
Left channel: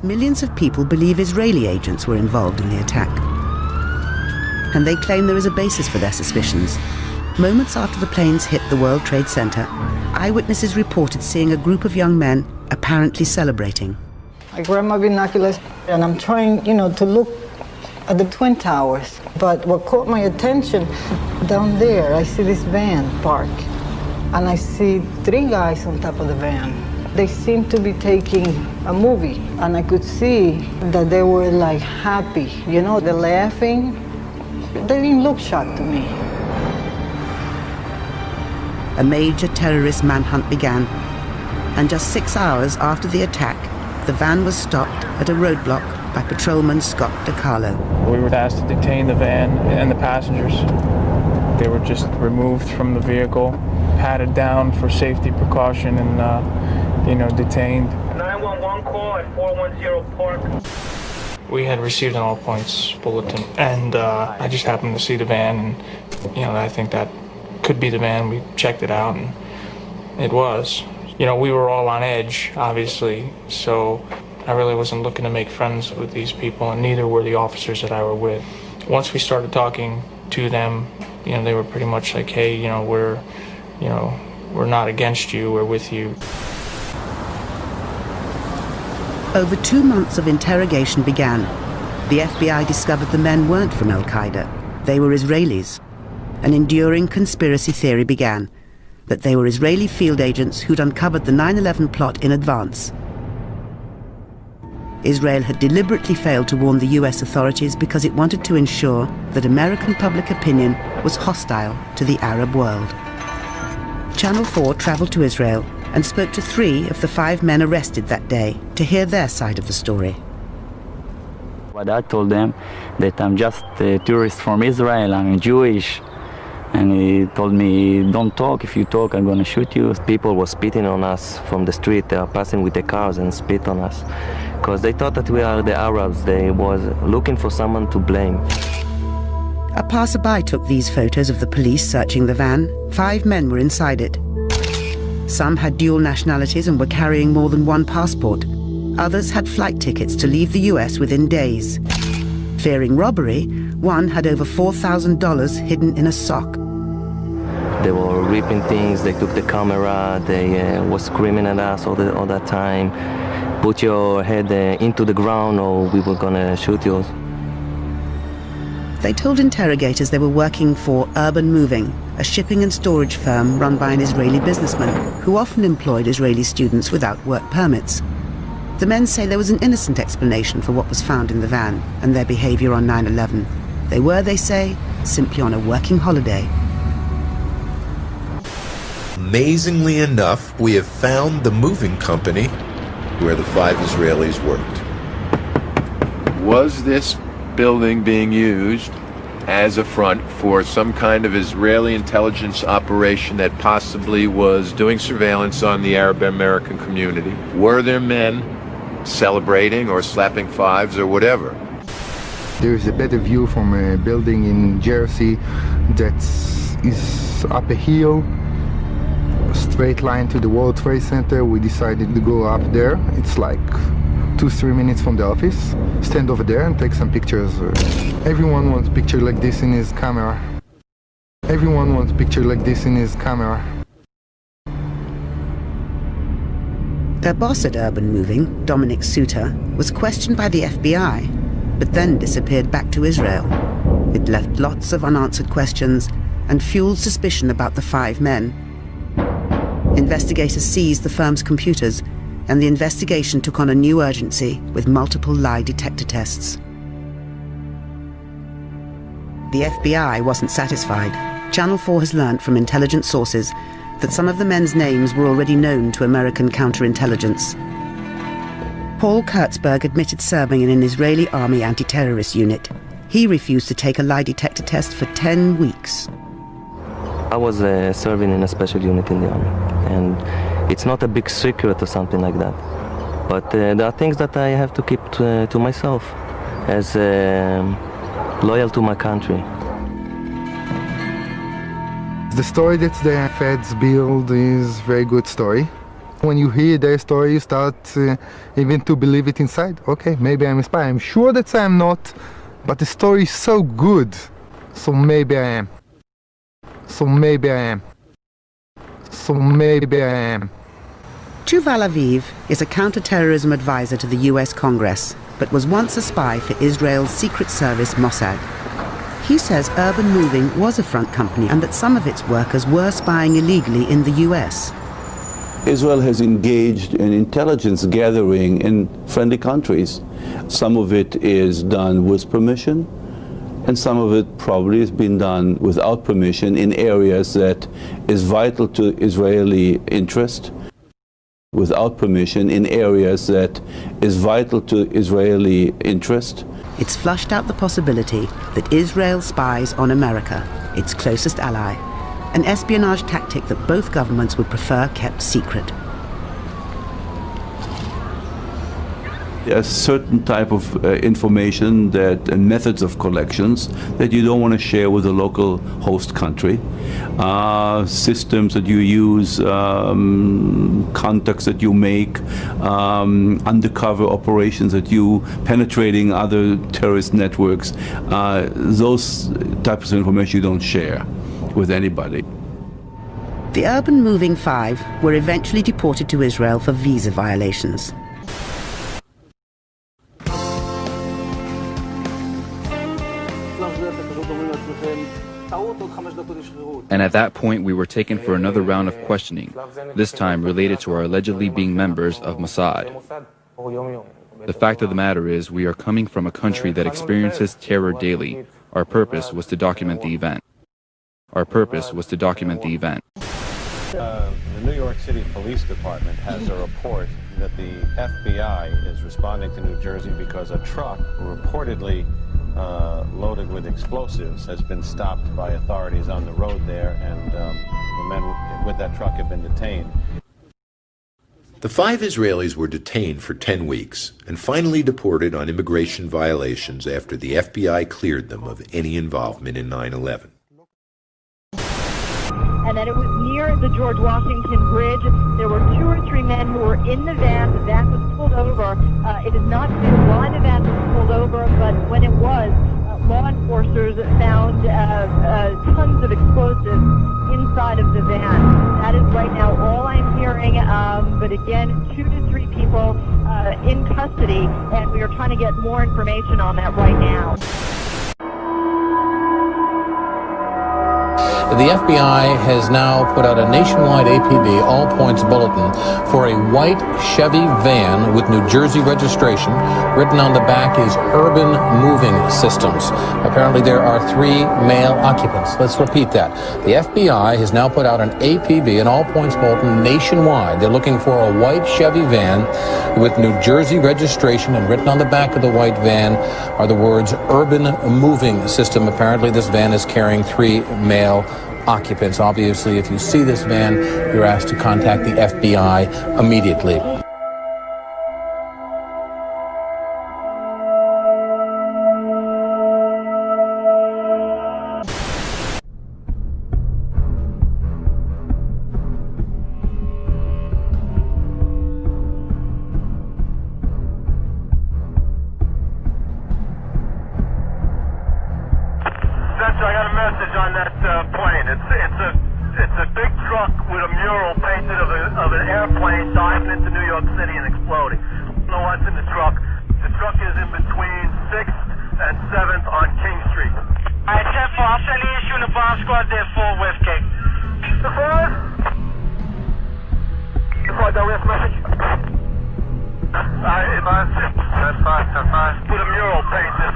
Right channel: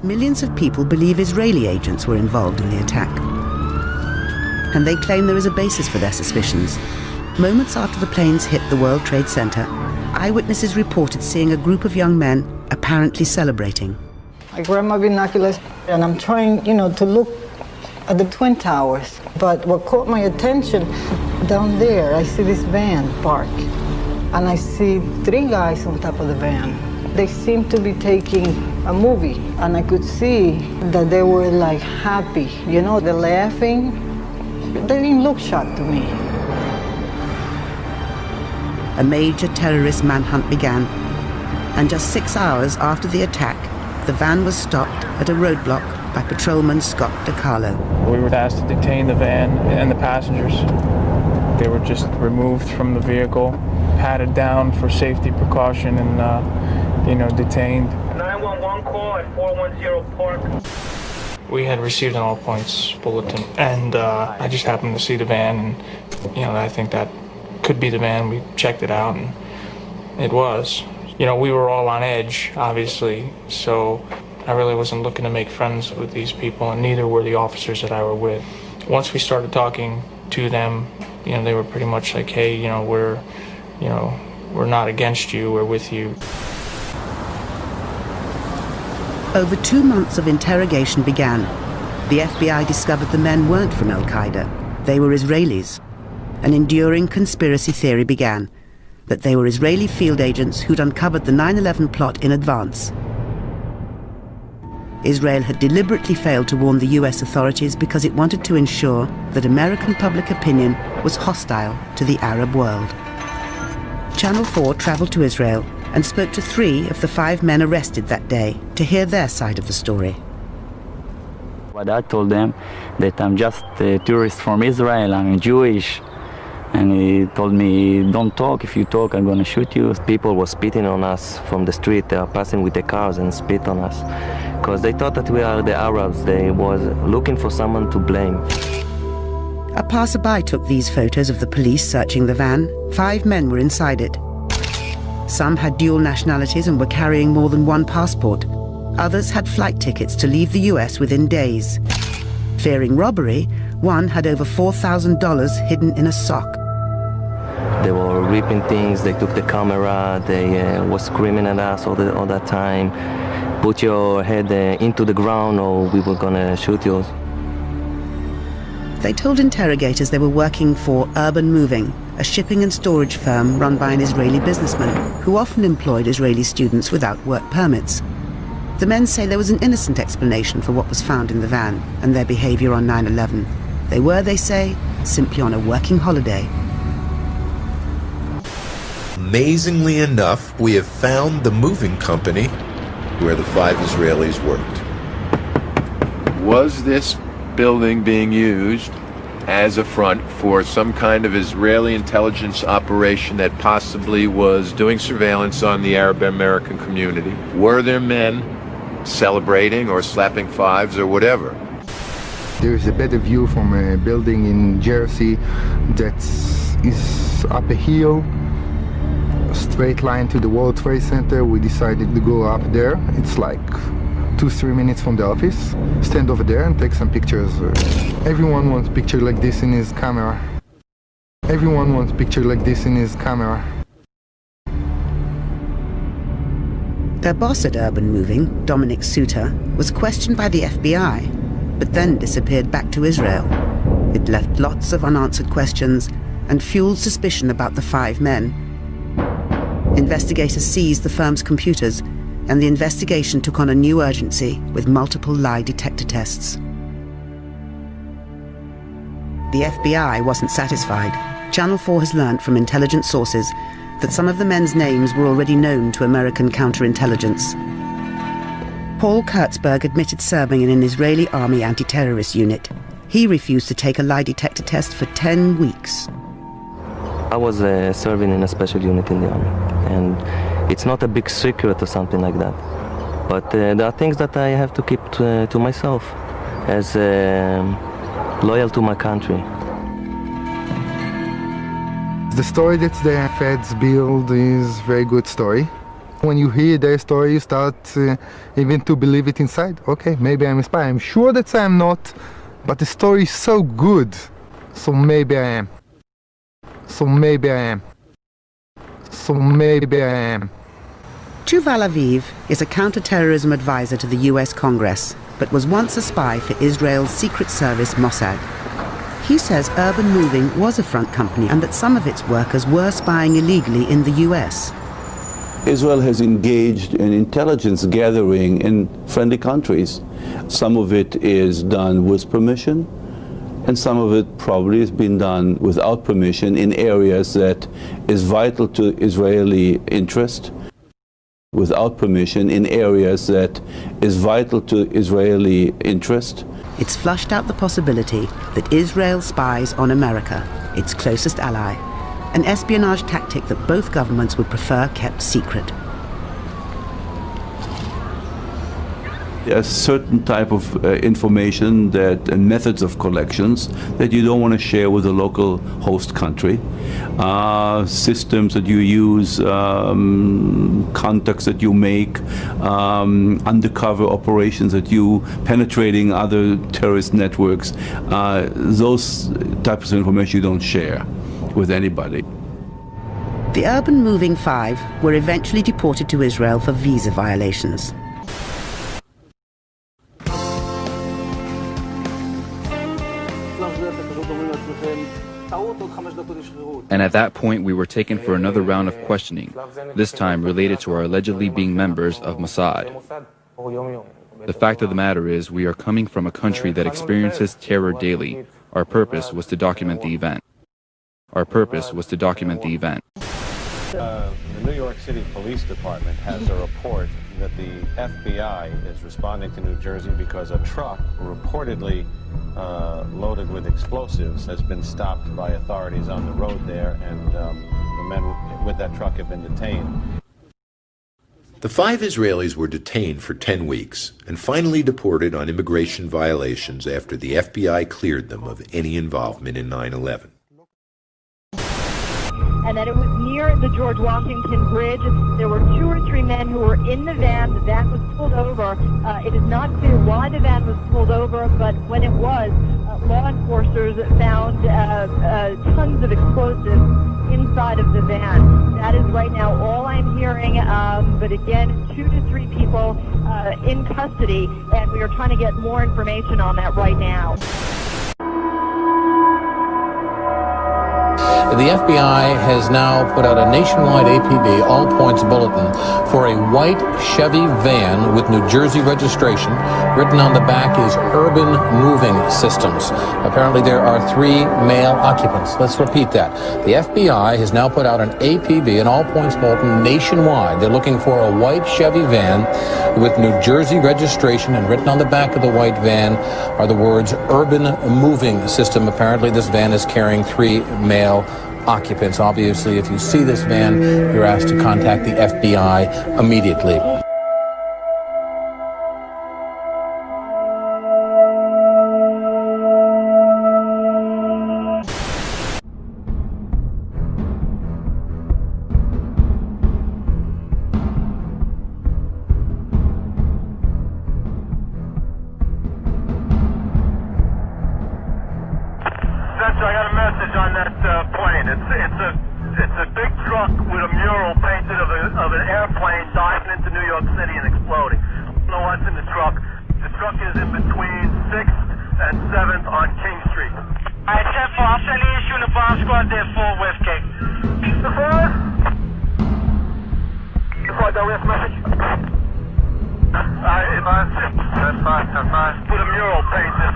Millions of people believe Israeli agents were involved in the attack. And they claim there is a basis for their suspicions. Moments after the planes hit the World Trade Center, eyewitnesses reported seeing a group of young men apparently celebrating. I grab my binoculars and I'm trying, to look at the Twin Towers. But what caught my attention, down there, I see this van parked. And I see 3 guys on top of the van. They seemed to be taking a movie. And I could see that they were like happy. They're laughing. They didn't look shocked to me. A major terrorist manhunt began, and just 6 hours after the attack, the van was stopped at a roadblock by patrolman Scott DiCarlo. We were asked to detain the van and the passengers. They were just removed from the vehicle, patted down for safety precaution, and detained. 911 call at 410 Park. We had received an all points bulletin, and I just happened to see the van, and I think that could be the van. We checked it out, and it was. We were all on edge, obviously, so I really wasn't looking to make friends with these people, and neither were the officers that I were with. Once we started talking to them, they were pretty much like, hey, we're not against you, we're with you. Over 2 months of interrogation began. The FBI discovered the men weren't from Al-Qaeda. They were Israelis. An enduring conspiracy theory began, that they were Israeli field agents who'd uncovered the 9/11 plot in advance. Israel had deliberately failed to warn the US authorities because it wanted to ensure that American public opinion was hostile to the Arab world. Channel 4 traveled to Israel and spoke to 3 of the 5 men arrested that day to hear their side of the story. What I told them that I'm just a tourist from Israel, I'm Jewish, and he told me, don't talk, if you talk I'm gonna shoot you. People were spitting on us from the street, they are passing with the cars and spit on us, because they thought that we are the Arabs, they was looking for someone to blame. A passerby took these photos of the police searching the van. 5 men were inside it. Some had dual nationalities and were carrying more than 1 passport. Others had flight tickets to leave the US within days. Fearing robbery, one had over $4,000 hidden in a sock. They were ripping things, they took the camera, they were screaming at us all that time. Put your head into the ground or we were gonna shoot you. They told interrogators they were working for Urban Moving, a shipping and storage firm run by an Israeli businessman who often employed Israeli students without work permits. The men say there was an innocent explanation for what was found in the van and their behavior on 9/11. They were, they say, simply on a working holiday. Amazingly enough, we have found the moving company where the 5 Israelis worked. Was this building being used as a front for some kind of Israeli intelligence operation that possibly was doing surveillance on the Arab American community? Were there men celebrating or slapping 5s or whatever? There is a better view from a building in Jersey that's is up a hill, a straight line to the World Trade Center. We decided to go up there. It's like 2-3 minutes from the office. Stand over there and take some pictures. Everyone wants a picture like this in his camera. Everyone wants a picture like this in his camera. Their boss at Urban Moving, Dominic Suter, was questioned by the FBI, but then disappeared back to Israel. It left lots of unanswered questions and fueled suspicion about the 5 men. Investigators seized the firm's computers, and the investigation took on a new urgency with multiple lie detector tests. The FBI wasn't satisfied. Channel 4 has learnt from intelligence sources that some of the men's names were already known to American counterintelligence. Paul Kurtzberg admitted serving in an Israeli army anti-terrorist unit. He refused to take a lie detector test for 10 weeks. I was serving in a special unit in the army, and it's not a big secret or something like that. But there are things that I have to keep to myself as loyal to my country. The story that the feds build is a very good story. When you hear their story, you start even to believe it inside. Okay, maybe I'm a spy. I'm sure that I'm not, but the story is so good, so maybe I am. So maybe I am. So maybe I am. Yuval Aviv is a counterterrorism advisor to the US Congress, but was once a spy for Israel's Secret Service Mossad. He says Urban Moving was a front company and that some of its workers were spying illegally in the US. Israel has engaged in intelligence gathering in friendly countries. Some of it is done with permission, and some of it probably has been done without permission in areas that is vital to Israeli interest. Without permission in areas that is vital to Israeli interest. It's flushed out the possibility that Israel spies on America, its closest ally, an espionage tactic that both governments would prefer kept secret. A certain type of information that and methods of collections that you don't want to share with the local host country, systems that you use, contacts that you make, undercover operations that you penetrating other terrorist networks. Those types of information you don't share with anybody. The Urban Moving 5 were eventually deported to Israel for visa violations. And at that point, we were taken for another round of questioning, this time related to our allegedly being members of Mossad. The fact of the matter is, we are coming from a country that experiences terror daily. Our purpose was to document the event. Our purpose was to document the event. The New York City Police Department has a report that the FBI is responding to New Jersey because a truck reportedly loaded with explosives has been stopped by authorities on the road there, and the men with that truck have been detained. The 5 Israelis were detained for 10 weeks and finally deported on immigration violations after the FBI cleared them of any involvement in 9/11. And that it was near the George Washington Bridge. There were 2 or 3 men who were in the van. The van was pulled over. It is not clear why the van was pulled over, but when it was, law enforcers found tons of explosives inside of the van. That is right now all I'm hearing, but again, 2 to 3 people in custody, and we are trying to get more information on that right now. The FBI has now put out a nationwide APB, all points bulletin, for a white Chevy van with New Jersey registration. Written on the back is Urban Moving Systems. Apparently there are 3 male occupants. Let's repeat that. The FBI has now put out an APB, an all points bulletin, nationwide. They're looking for a white Chevy van with New Jersey registration, and written on the back of the white van are the words Urban Moving System. Apparently this van is carrying 3 male occupants. Obviously, if you see this van, you're asked to contact the FBI immediately. squad there, full with, K. The forward. The squad there, we have message. That's fine. Put a mural paint this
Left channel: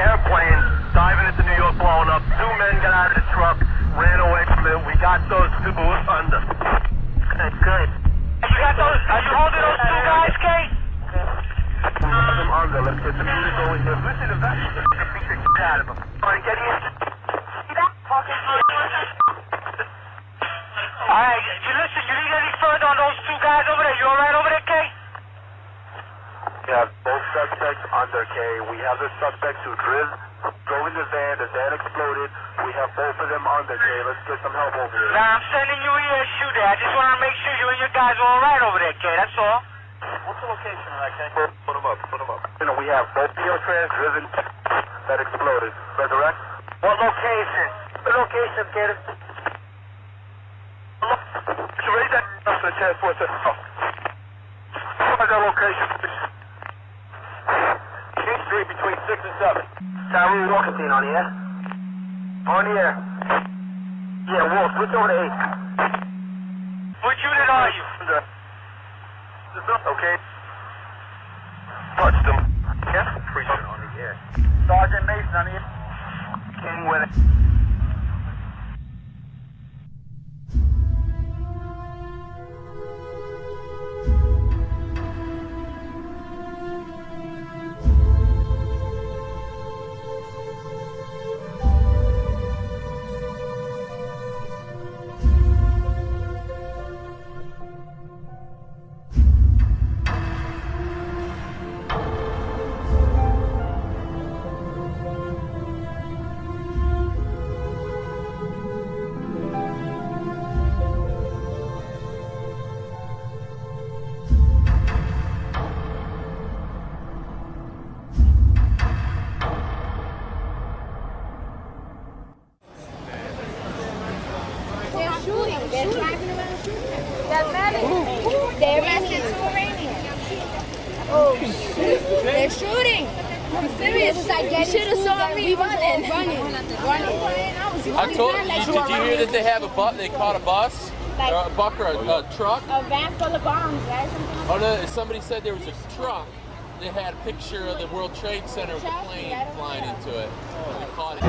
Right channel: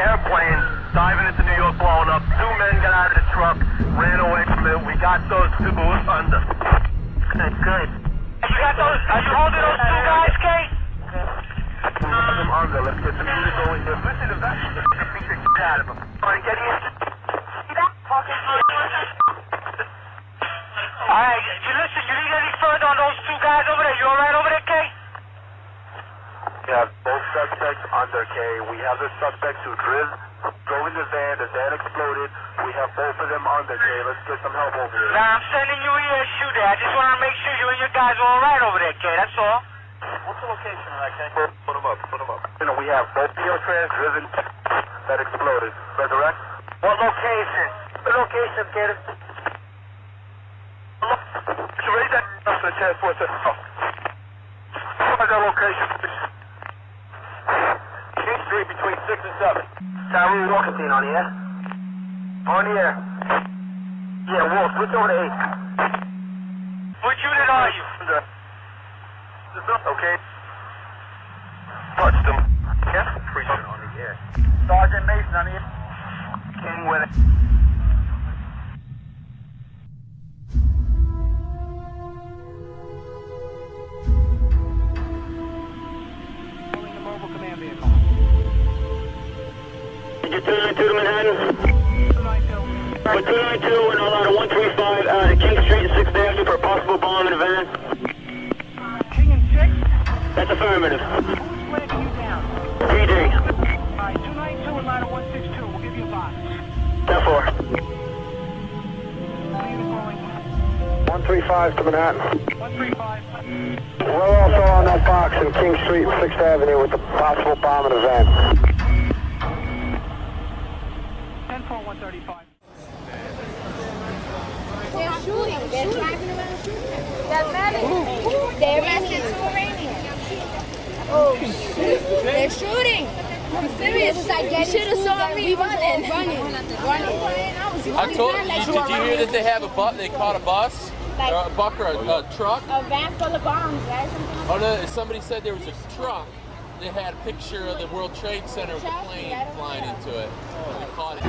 airplane diving into New York, blowing up. 2 men got out of the truck, ran away from it. We got those 2 under. Good. You got those? Are you holding those 2 guys, Kay? Them under. Let's get some units going here. Listen to that. Beat the shit out of them. All right, get in. See that? All right, you listen. You need any further on those 2 guys over there? You all right over there, Kay? We have both suspects under, K. We have the suspects who drove in the van exploded. We have both of them under, K. Let's get some help over here. Nah, I'm sending you here to shoot there. I just want to make sure you and your guys are all right over there, K. That's all. What's the location of that, K? Put them up. You know, we have both your trans driven that exploded. Resurrect? What location? The location, K. You ready that? That's the transport system. What's that location, please? King Street between 6 and 7. Tyree Walkerstein on the air? On the air. Yeah, Wolf, switch over to 8. What unit are you? Okay. Touched him. Yeah? Precinct on the air. Sergeant Mason on the air. King with it. Get 292 to Manhattan. 292 and all out of 135 to King Street and 6th Avenue for a possible bomb in a van. King and 6? That's affirmative. PD. 292 and ladder 162. We'll give you a box. 10-4. 135 to Manhattan. 135. We're also on that box in King Street and 6th Avenue with a possible bomb in a van. They're shooting. They're driving around shooting. That's right. They arrested 2 Iranians. Oh, shit. They're shooting. I'm serious. You should have saw me running. I told you, did you hear that they have a bus? They caught a bus? Like, or a buck or a truck? A van full of bombs, right? Oh, no, somebody said there was a truck. They had a picture of the World Trade Center with a plane flying into it. They caught it.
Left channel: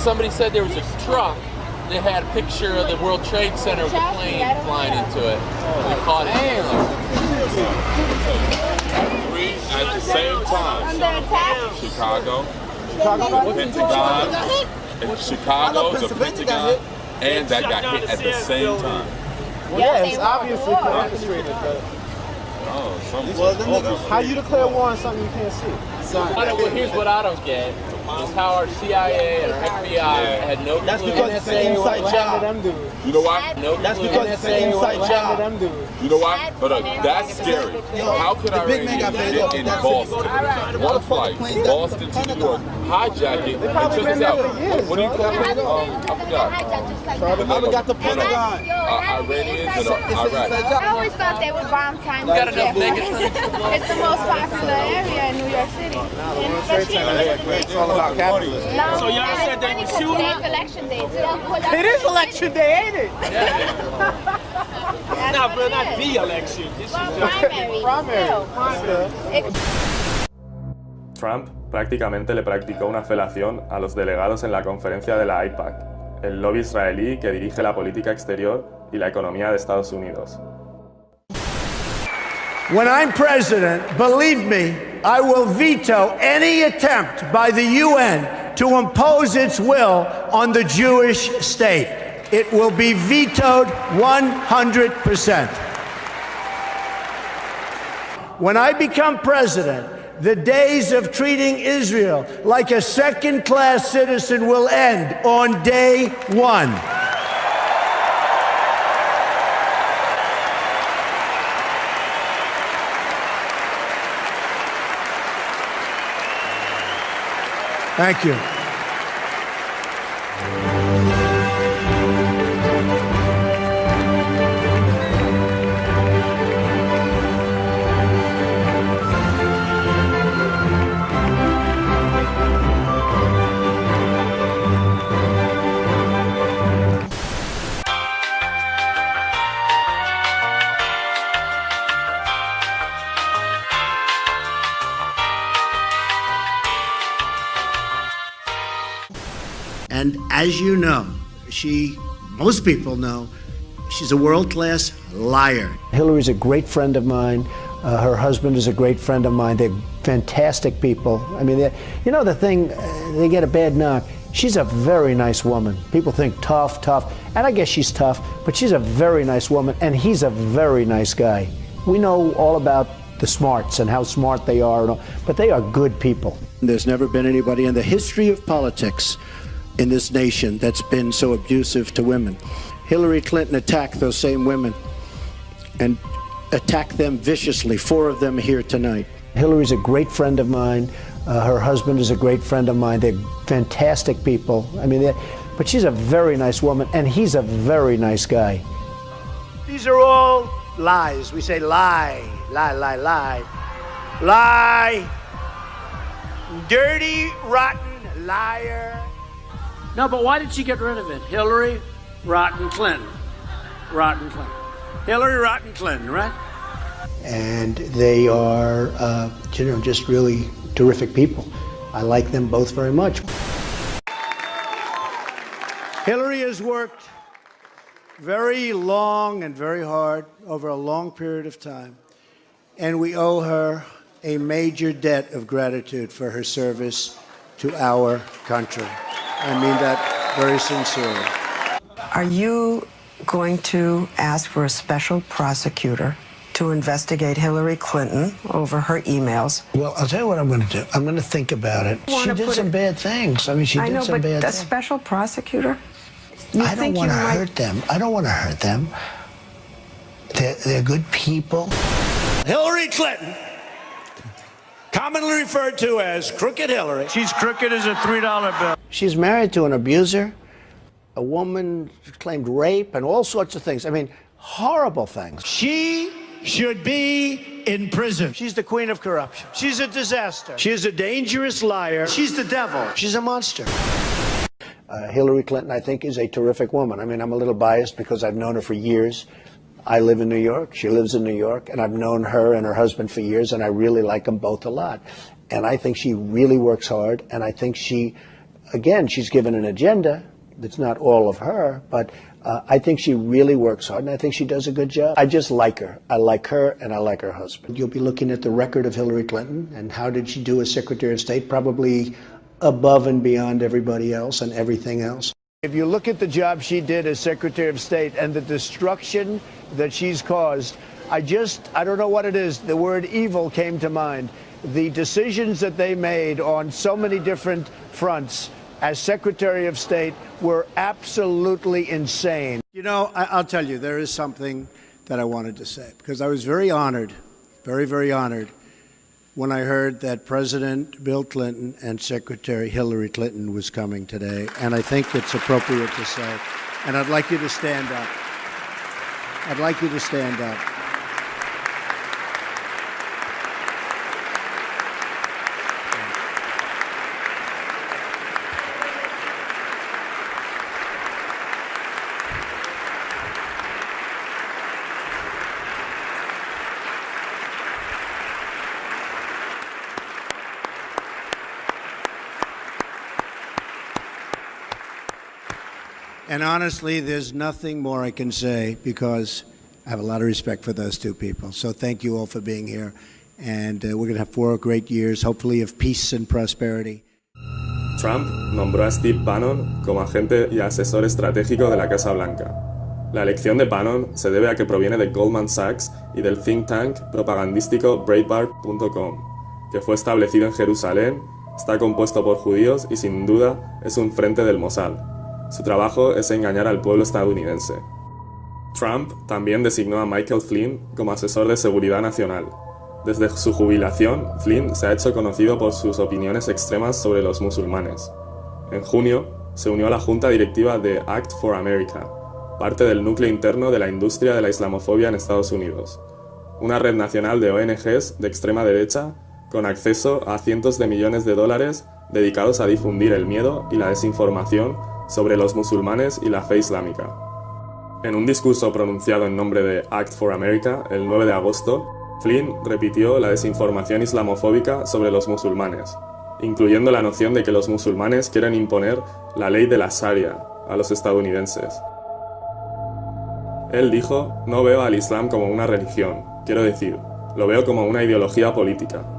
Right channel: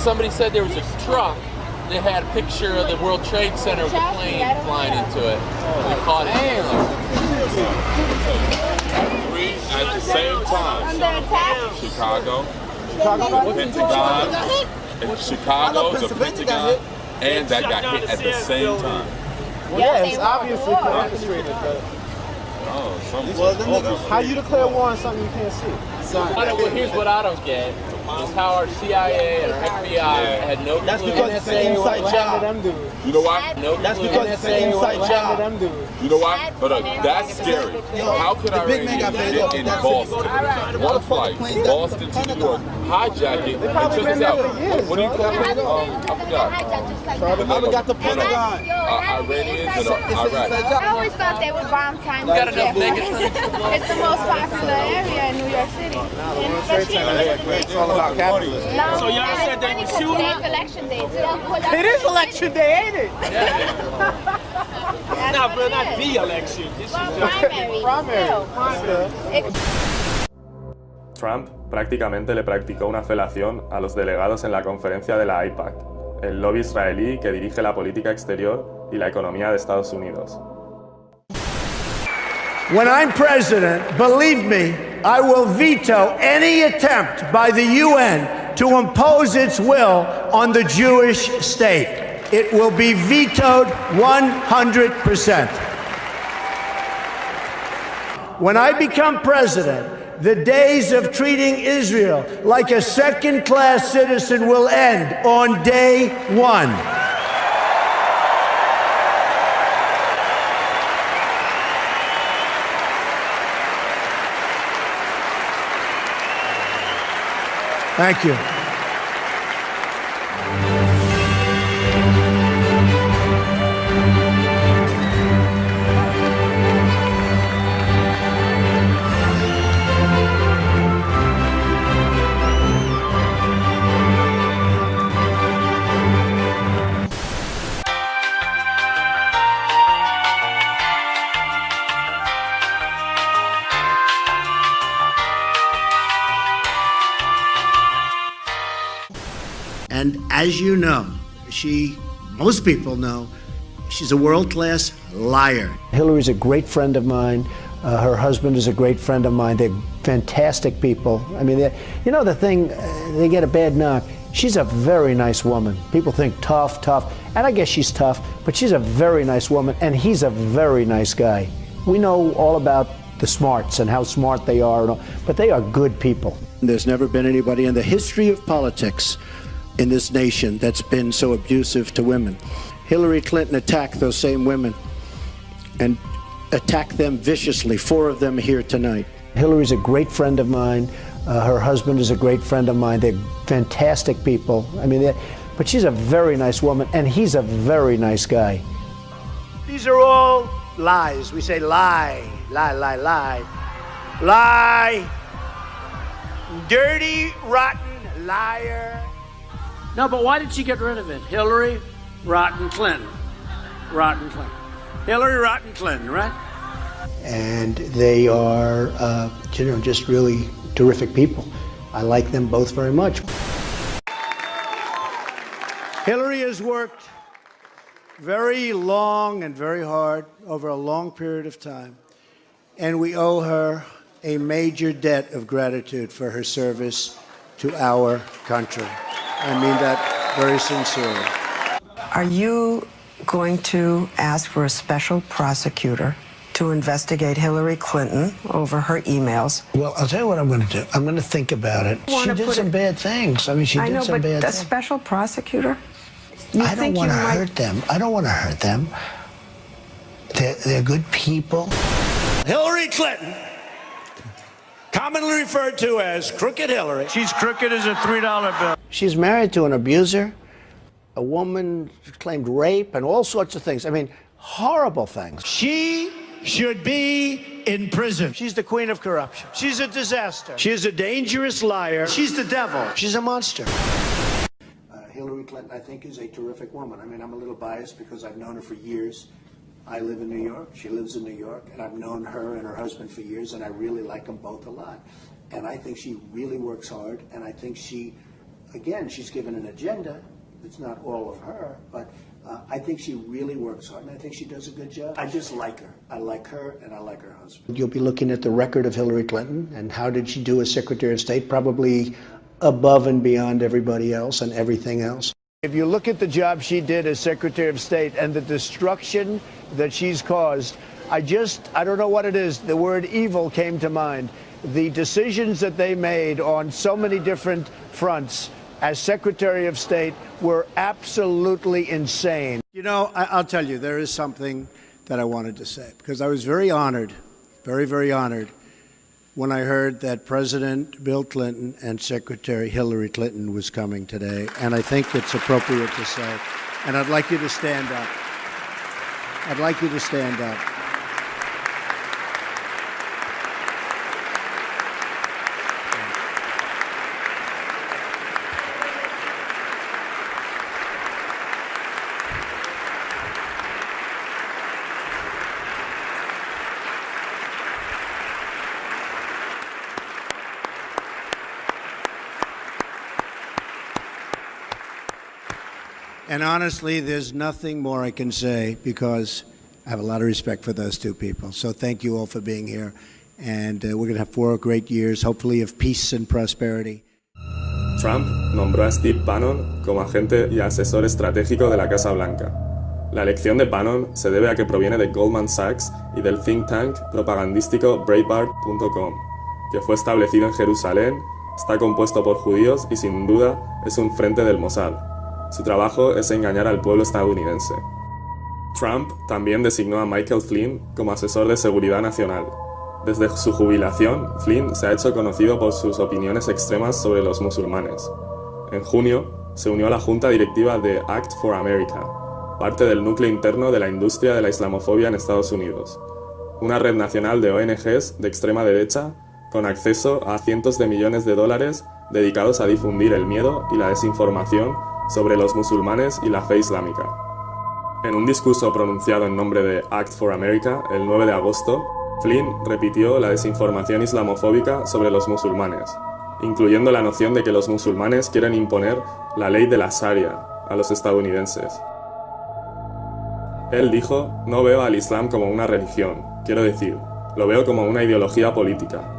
Somebody said there was a truck. They had a picture of the World Trade Center with a plane flying into it. They caught it. Three at the same time. Under attack. Chicago, the Pentagon, and Chicago's a Pentagon, and that got hit at the same time. Well, yeah, it's obviously orchestrated, but... Oh, how you declare war on something you can't see? Well, here's what I don't get. Is how our CIA and our FBI had no clue. That's because it's an inside job. You know why? That's because it's an inside job. You know why? But that's scary. How could Iranians get in Boston? One flight, Boston to New York, hijack it, and took us out. What do you call it? I forgot. I got the Pentagon. Iranians and Iraq. I always thought they would bomb Times Square. It's the most popular area in New York City. It's all about capitalism. So y'all said they were shooting? It's election day too. It is election day, ain't it? No, bro, not the election. This is primary. Trump prácticamente le practicó una felación a los delegados en la conferencia de la AIPAC, el lobby israelí que dirige la política exterior y la economía de Estados Unidos. When I'm president, believe me, I will veto any attempt by the UN to impose its will on the Jewish state. It will be vetoed 100%. When I become president, the days of treating Israel like a second-class citizen will end on day one. Thank you. And as you know, most people know, she's a world-class liar. Hillary's a great friend of mine. Her husband is a great friend of mine. They're fantastic people. I mean, you know the thing, they get a bad knock. She's a very nice woman. People think tough, and I guess she's tough, but she's a very nice woman, and he's a very nice guy. We know all about the smarts and how smart they are, and all, but they are good people. There's never been anybody in the history of politics in this nation that's been so abusive to women. Hillary Clinton attacked those same women and attacked them viciously. 4 of them here tonight. Hillary's a great friend of mine. Her husband is a great friend of mine. They're fantastic people. I mean, but she's a very nice woman, and he's a very nice guy. These are all lies. We say lie, lie, lie, lie. Lie. Dirty, rotten liar. No, but why did she get rid of it? Hillary, rotten Clinton. Rotten Clinton. Hillary, rotten Clinton, right? And they are, you know, just really terrific people. I like them both very much. Hillary has worked very long and very hard over a long period of time, and we owe her a major debt of gratitude for her service to our country. I mean that very sincerely. Are you going to ask for a special prosecutor to investigate Hillary Clinton over her emails? Well, I'll tell you what I'm going to do. I'm going to think about it. She did some bad things. I mean, she did some bad things. A special prosecutor? I don't want to hurt them. I don't want to hurt them. They're good people. Hillary Clinton, commonly referred to as Crooked Hillary. She's crooked as a $3 bill. She's married to an abuser, a woman claimed rape and all sorts of things. I mean, horrible things. She should be in prison. She's the queen of corruption. She's a disaster. She's a dangerous liar. She's the devil. She's a monster. Hillary Clinton, I think, is a terrific woman. I mean, I'm a little biased because I've known her for years. I live in New York. She lives in New York. And I've known her and her husband for years, and I really like them both a lot. And I think she really works hard. And I think she, again, she's given an agenda. It's not all of her, but I think she really works hard, and I think she does a good job. I just like her. I like her, and I like her husband. You'll be looking at the record of Hillary Clinton, and how did she do as Secretary of State? Probably above and beyond everybody else and everything else. If you look at the job she did as Secretary of State and the destruction that she's caused, I don't know what it is. The word evil came to mind. The decisions that they made on so many different fronts as Secretary of State were absolutely insane. You know, I'll tell you, there is something that I wanted to say, because I was very honored, very, very honored, when I heard that President Bill Clinton and Secretary Hillary Clinton was coming today, and I think it's appropriate to say, and I'd like you to stand up. I'd like you to stand up. And honestly, there's nothing more I can say, because I have a lot of respect for those two people. So thank you all for being here. And we're going to have 4 great years, hopefully, of peace and prosperity. Trump nombró a Steve Bannon como agente y asesor estratégico de la Casa Blanca. La elección de Bannon se debe a que proviene de Goldman Sachs y del think tank propagandístico Breitbart.com, que fue establecido en Jerusalén, está compuesto por judíos y sin duda es un frente del Mossad. Su trabajo es engañar al pueblo estadounidense. Trump también designó a Michael Flynn como asesor de seguridad nacional. Desde su jubilación, Flynn se ha hecho conocido por sus opiniones extremas sobre los musulmanes. En junio, se unió a la junta directiva de Act for America, parte del núcleo interno de la industria de la islamofobia en Estados Unidos, una red nacional de ONGs de extrema derecha con acceso a cientos de millones de dólares dedicados a difundir el miedo y la desinformación sobre los musulmanes y la fe islámica. En un discurso pronunciado en nombre de Act for America el 9 de agosto, Flynn repitió la desinformación islamofóbica sobre los musulmanes, incluyendo la noción de que los musulmanes quieren imponer la ley de la Sharia a los estadounidenses. Él dijo: no veo al Islam como una religión, quiero decir, lo veo como una ideología política.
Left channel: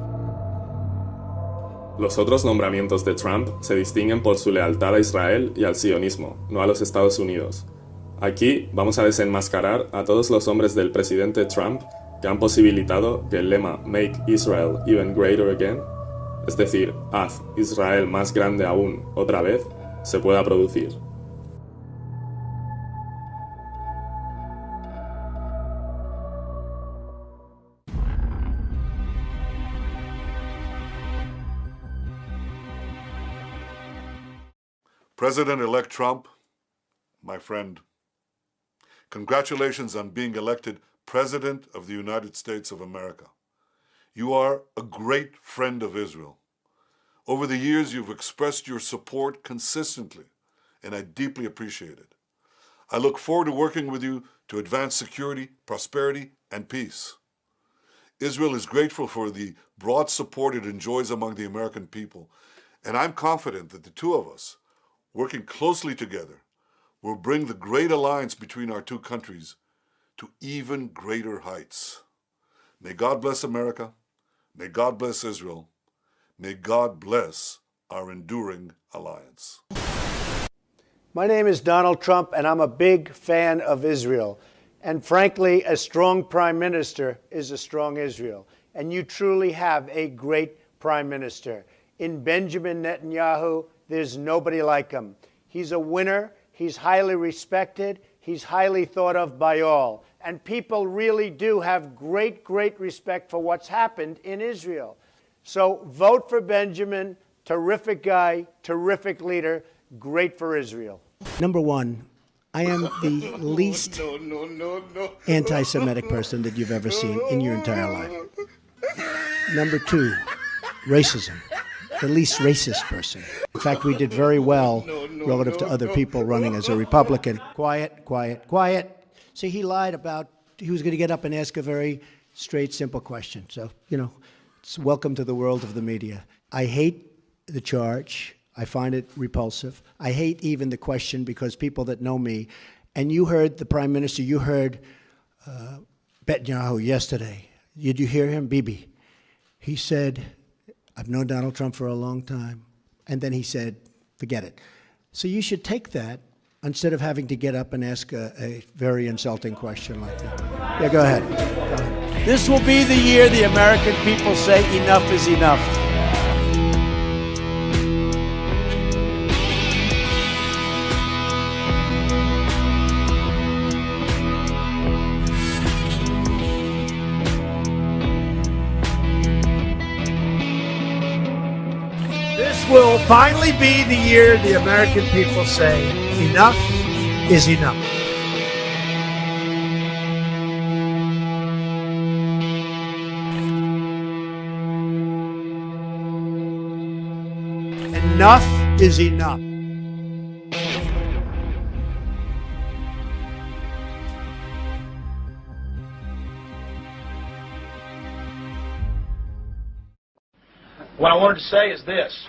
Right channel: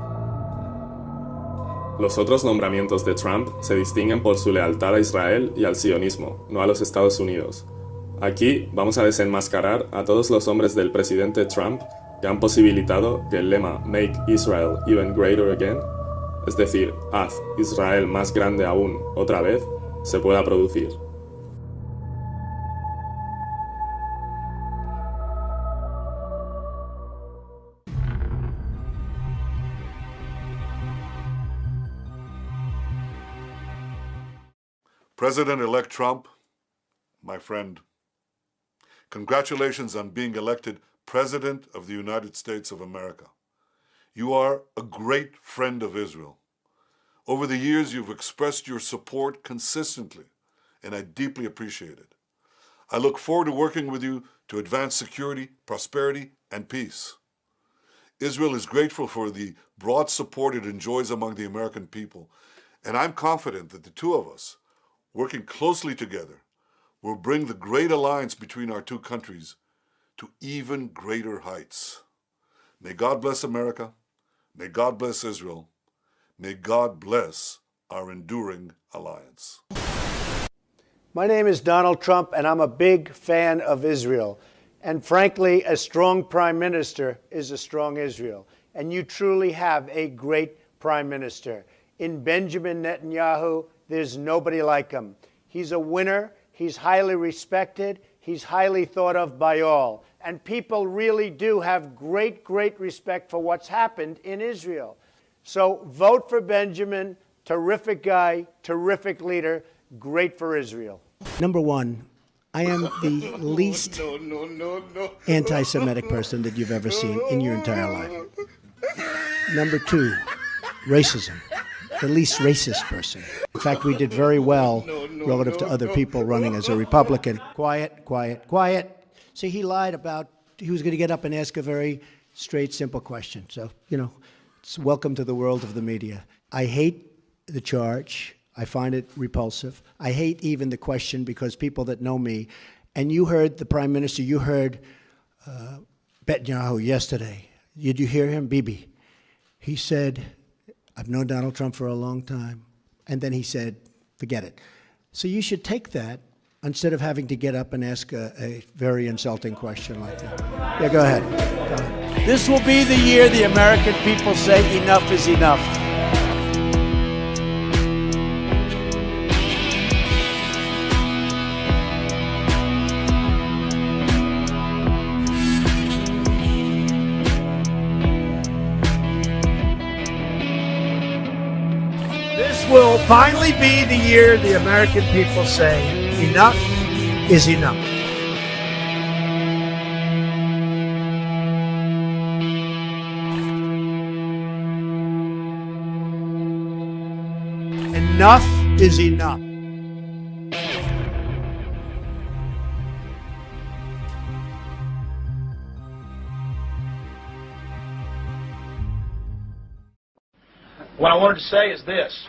Los otros nombramientos de Trump se distinguen por su lealtad a Israel y al sionismo, no a los Estados Unidos. Aquí vamos a desenmascarar a todos los hombres del presidente Trump que han posibilitado del lema Make Israel Even Greater Again, es decir, haz Israel más grande aún otra vez, se pueda producir. President-elect Trump, my friend, congratulations on being elected President of the United States of America. You are a great friend of Israel. Over the years, you've expressed your support consistently, and I deeply appreciate it. I look forward to working with you to advance security, prosperity, and peace. Israel is grateful for the broad support it enjoys among the American people, and I'm confident that the two of us, working closely together, will bring the great alliance between our two countries to even greater heights. May God bless America. May God bless Israel. May God bless our enduring alliance. My name is Donald Trump, and I'm a big fan of Israel. And frankly, a strong prime minister is a strong Israel. And you truly have a great prime minister. In Benjamin Netanyahu, there's nobody like him. He's a winner. He's highly respected. He's highly thought of by all. And people really do have great, great respect for what's happened in Israel. So vote for Benjamin. Terrific guy, terrific leader, great for Israel. Number one, I am the least anti-Semitic person that you've ever seen in your entire life. Number two, racism. The least racist person. In fact, we did very well relative to other people running as a Republican. Quiet, quiet, quiet. See, he lied about, he was going to get up and ask a very straight, simple question. So, you know, it's welcome to the world of the media. I hate the charge. I find it repulsive. I hate even the question because people that know me, and you heard the Prime Minister, you heard Netanyahu yesterday. Did you hear him? Bibi. He said, I've known Donald Trump for a long time. And then he said, forget it. So you should take that instead of having to get up and ask a very insulting question like that. Yeah, go ahead. Go ahead. This will be the year the American people say enough is enough. This will finally be the year the American people say, enough is enough. Enough is enough. What I wanted to say is this.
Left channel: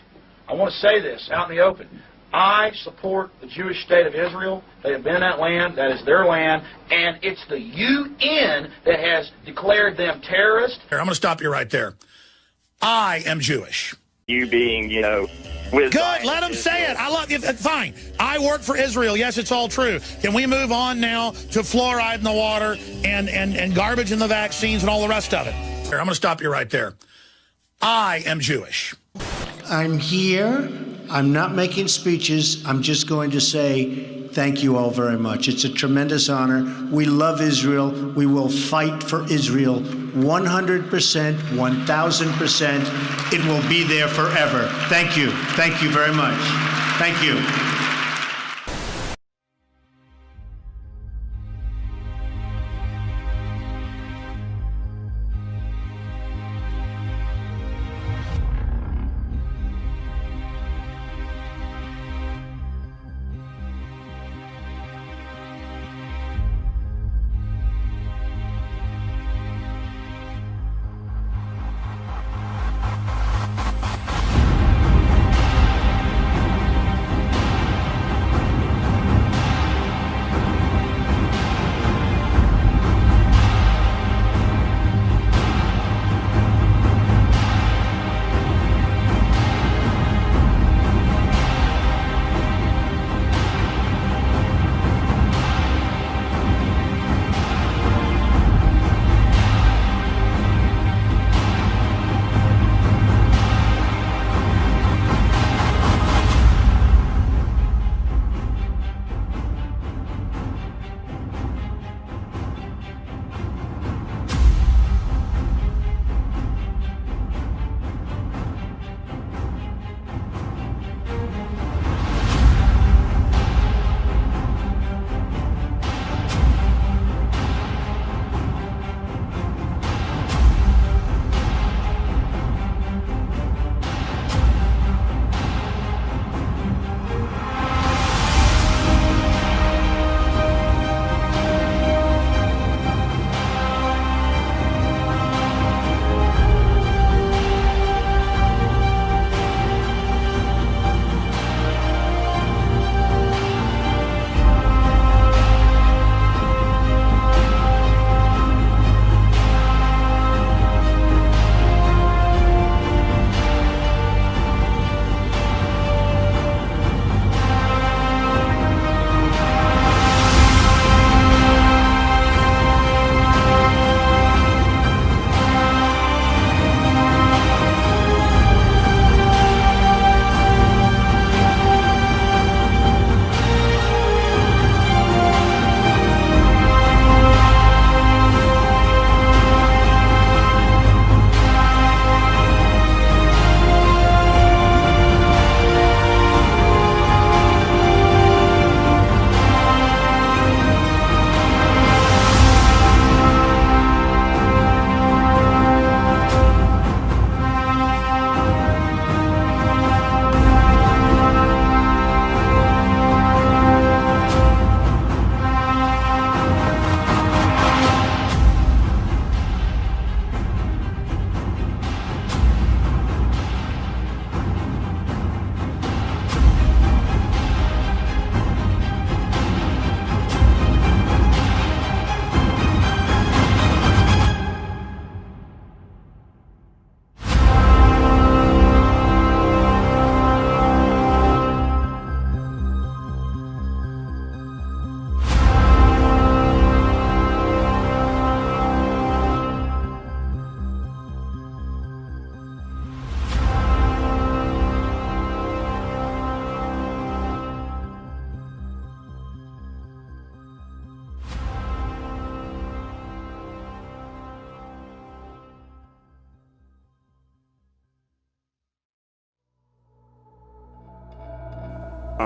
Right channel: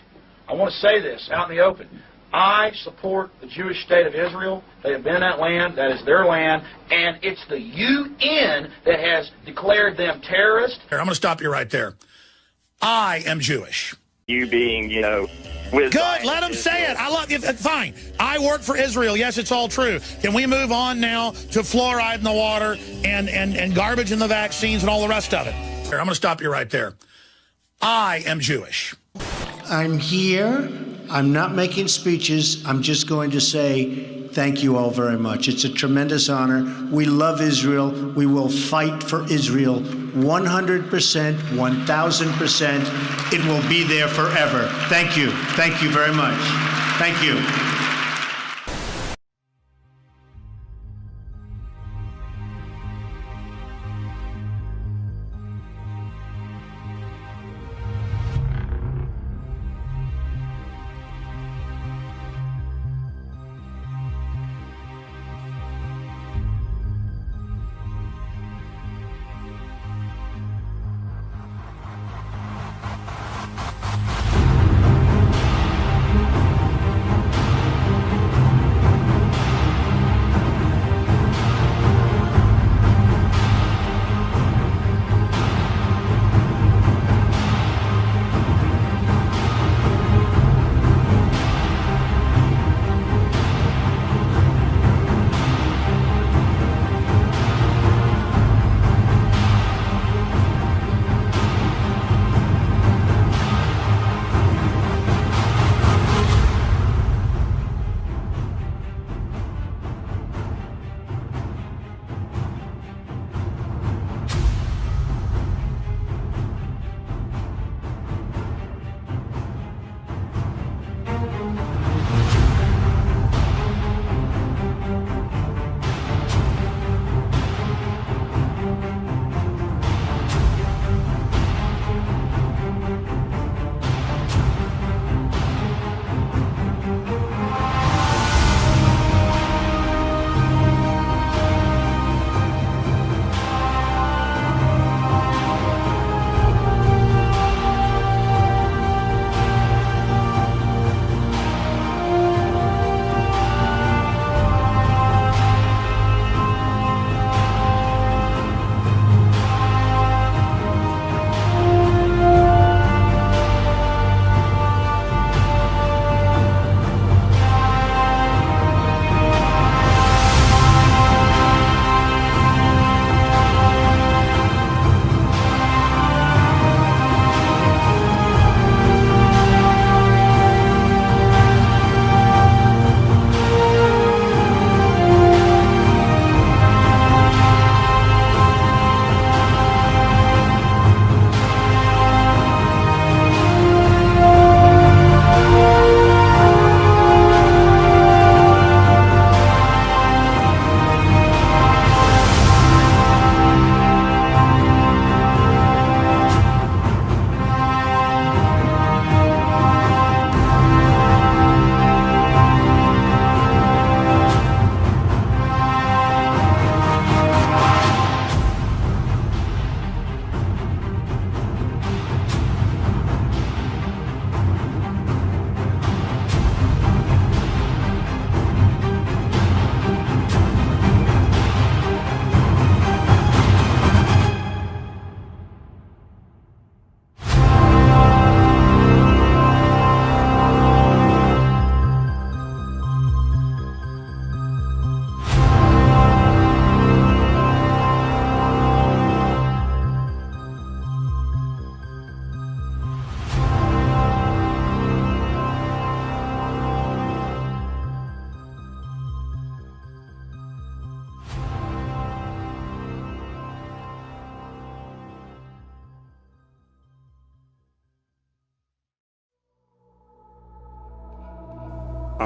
I want to say this out in the open. I support the Jewish state of Israel. They have been in that land. That is their land. And it's the UN that has declared them terrorists. I'm going to stop you right there. I am Jewish. You being, you know, with good, let them say it. I love you. Fine. I work for Israel. Yes, it's all true. Can we move on now to fluoride in the water and garbage in the vaccines and all the rest of it? I'm going to stop you right there. I am Jewish. I'm here. I'm not making speeches. I'm just going to say thank you all very much. It's a tremendous honor. We love Israel. We will fight for Israel 100%, 1,000%. It will be there forever. Thank you. Thank you very much. Thank you.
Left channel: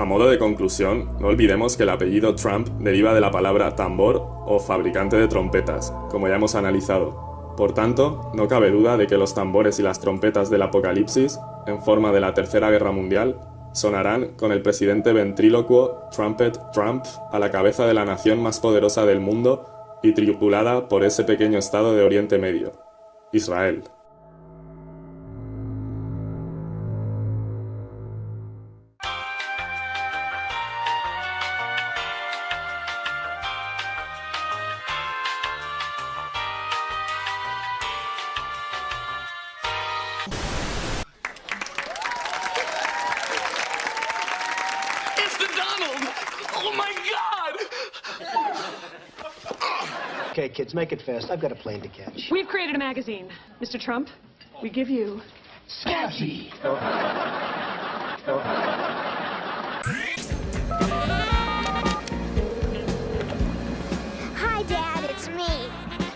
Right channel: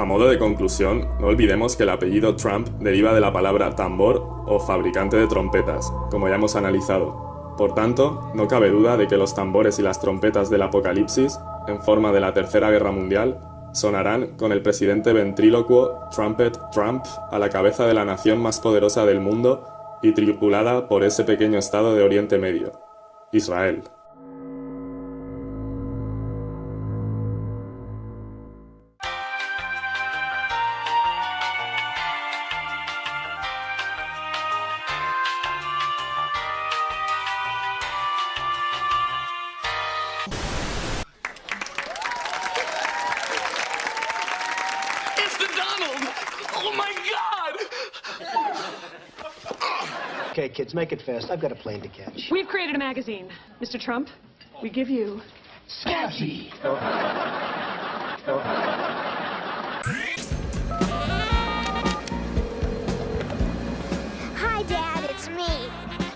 A modo de conclusión, no olvidemos que el apellido Trump deriva de la palabra tambor o fabricante de trompetas, como ya hemos analizado. Por tanto, no cabe duda de que los tambores y las trompetas del apocalipsis, en forma de la Tercera Guerra Mundial, sonarán con el presidente ventrílocuo Trumpet Trump a la cabeza de la nación más poderosa del mundo y tripulada por ese pequeño estado de Oriente Medio, Israel. Okay, kids, make it fast. I've got a plane to catch. We've created a magazine. Mr. Trump, we give you Scabby. Hi, Dad, it's me.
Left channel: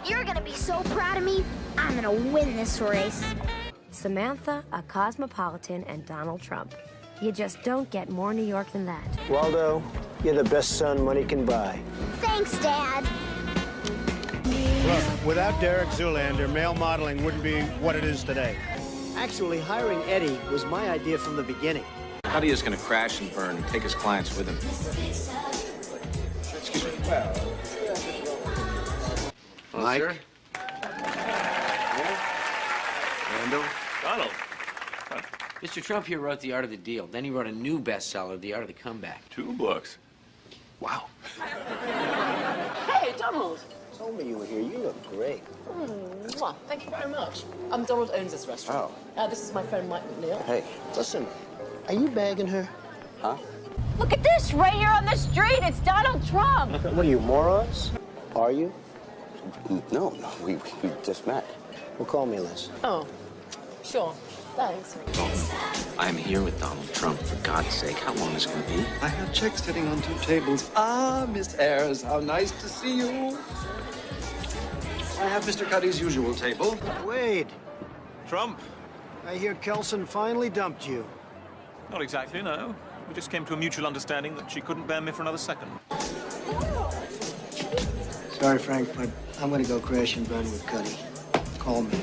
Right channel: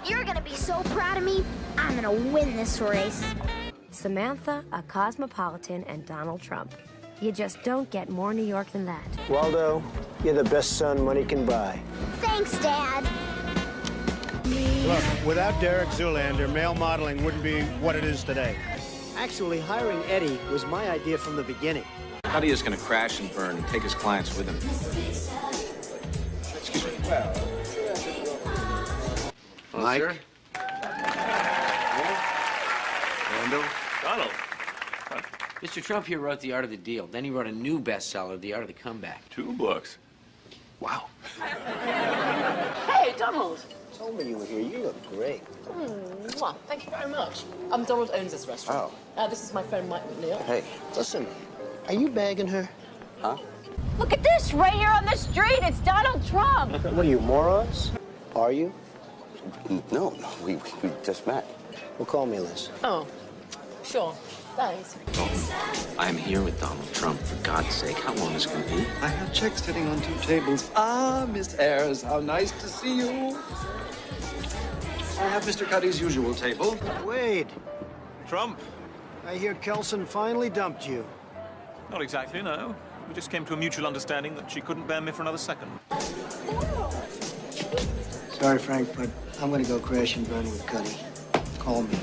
You're gonna be so proud of me. I'm gonna win this race. Samantha, a cosmopolitan, and Donald Trump. You just don't get more New York than that. Waldo, you're the best son money can buy. Thanks, Dad. Look, without Derek Zoolander, male modeling wouldn't be what it is today. Actually, hiring Eddie was my idea from the beginning. Cuddy is going to crash and burn and take his clients with him. Excuse me. Mike? Randall? Donald. Mr. Trump here wrote The Art of the Deal. Then he wrote a new bestseller, The Art of the Comeback. 2 books. Wow. Hey, Donald. Told me you were here. You look great. Mwah. Thank you very much. Donald owns this restaurant. Oh. This is my friend Mike McNeil. Hey, listen, are you bagging her? Huh? Look at this, right here on the street. It's Donald Trump. What are you, morons? Are you? No, we just met. Well, call me, Liz. Oh, sure. Thanks. I'm here with Donald Trump, for God's sake. How long is it going to be? I have checks sitting on 2 tables. Ah, Miss Ayers, how nice to see you. I have Mr. Cuddy's usual table. Wade. Trump? I hear Kelson finally dumped you. Not exactly, no. We just came to a mutual understanding that she couldn't bear me for another second. Sorry, Frank, but I'm gonna go crash and burn with Cuddy. Call me.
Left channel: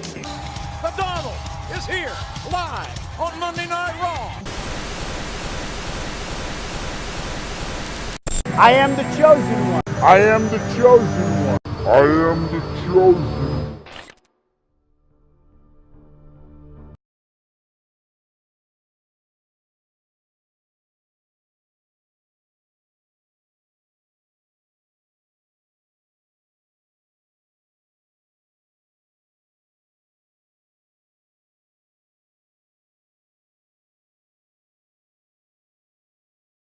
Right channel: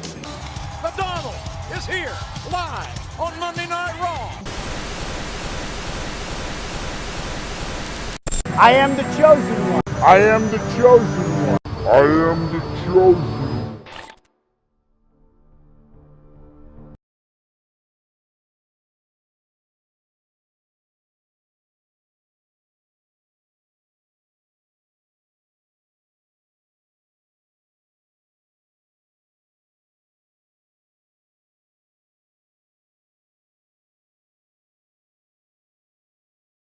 The Donald is here, live on Monday Night Raw. I am the chosen one. I am the chosen one. I am the chosen one.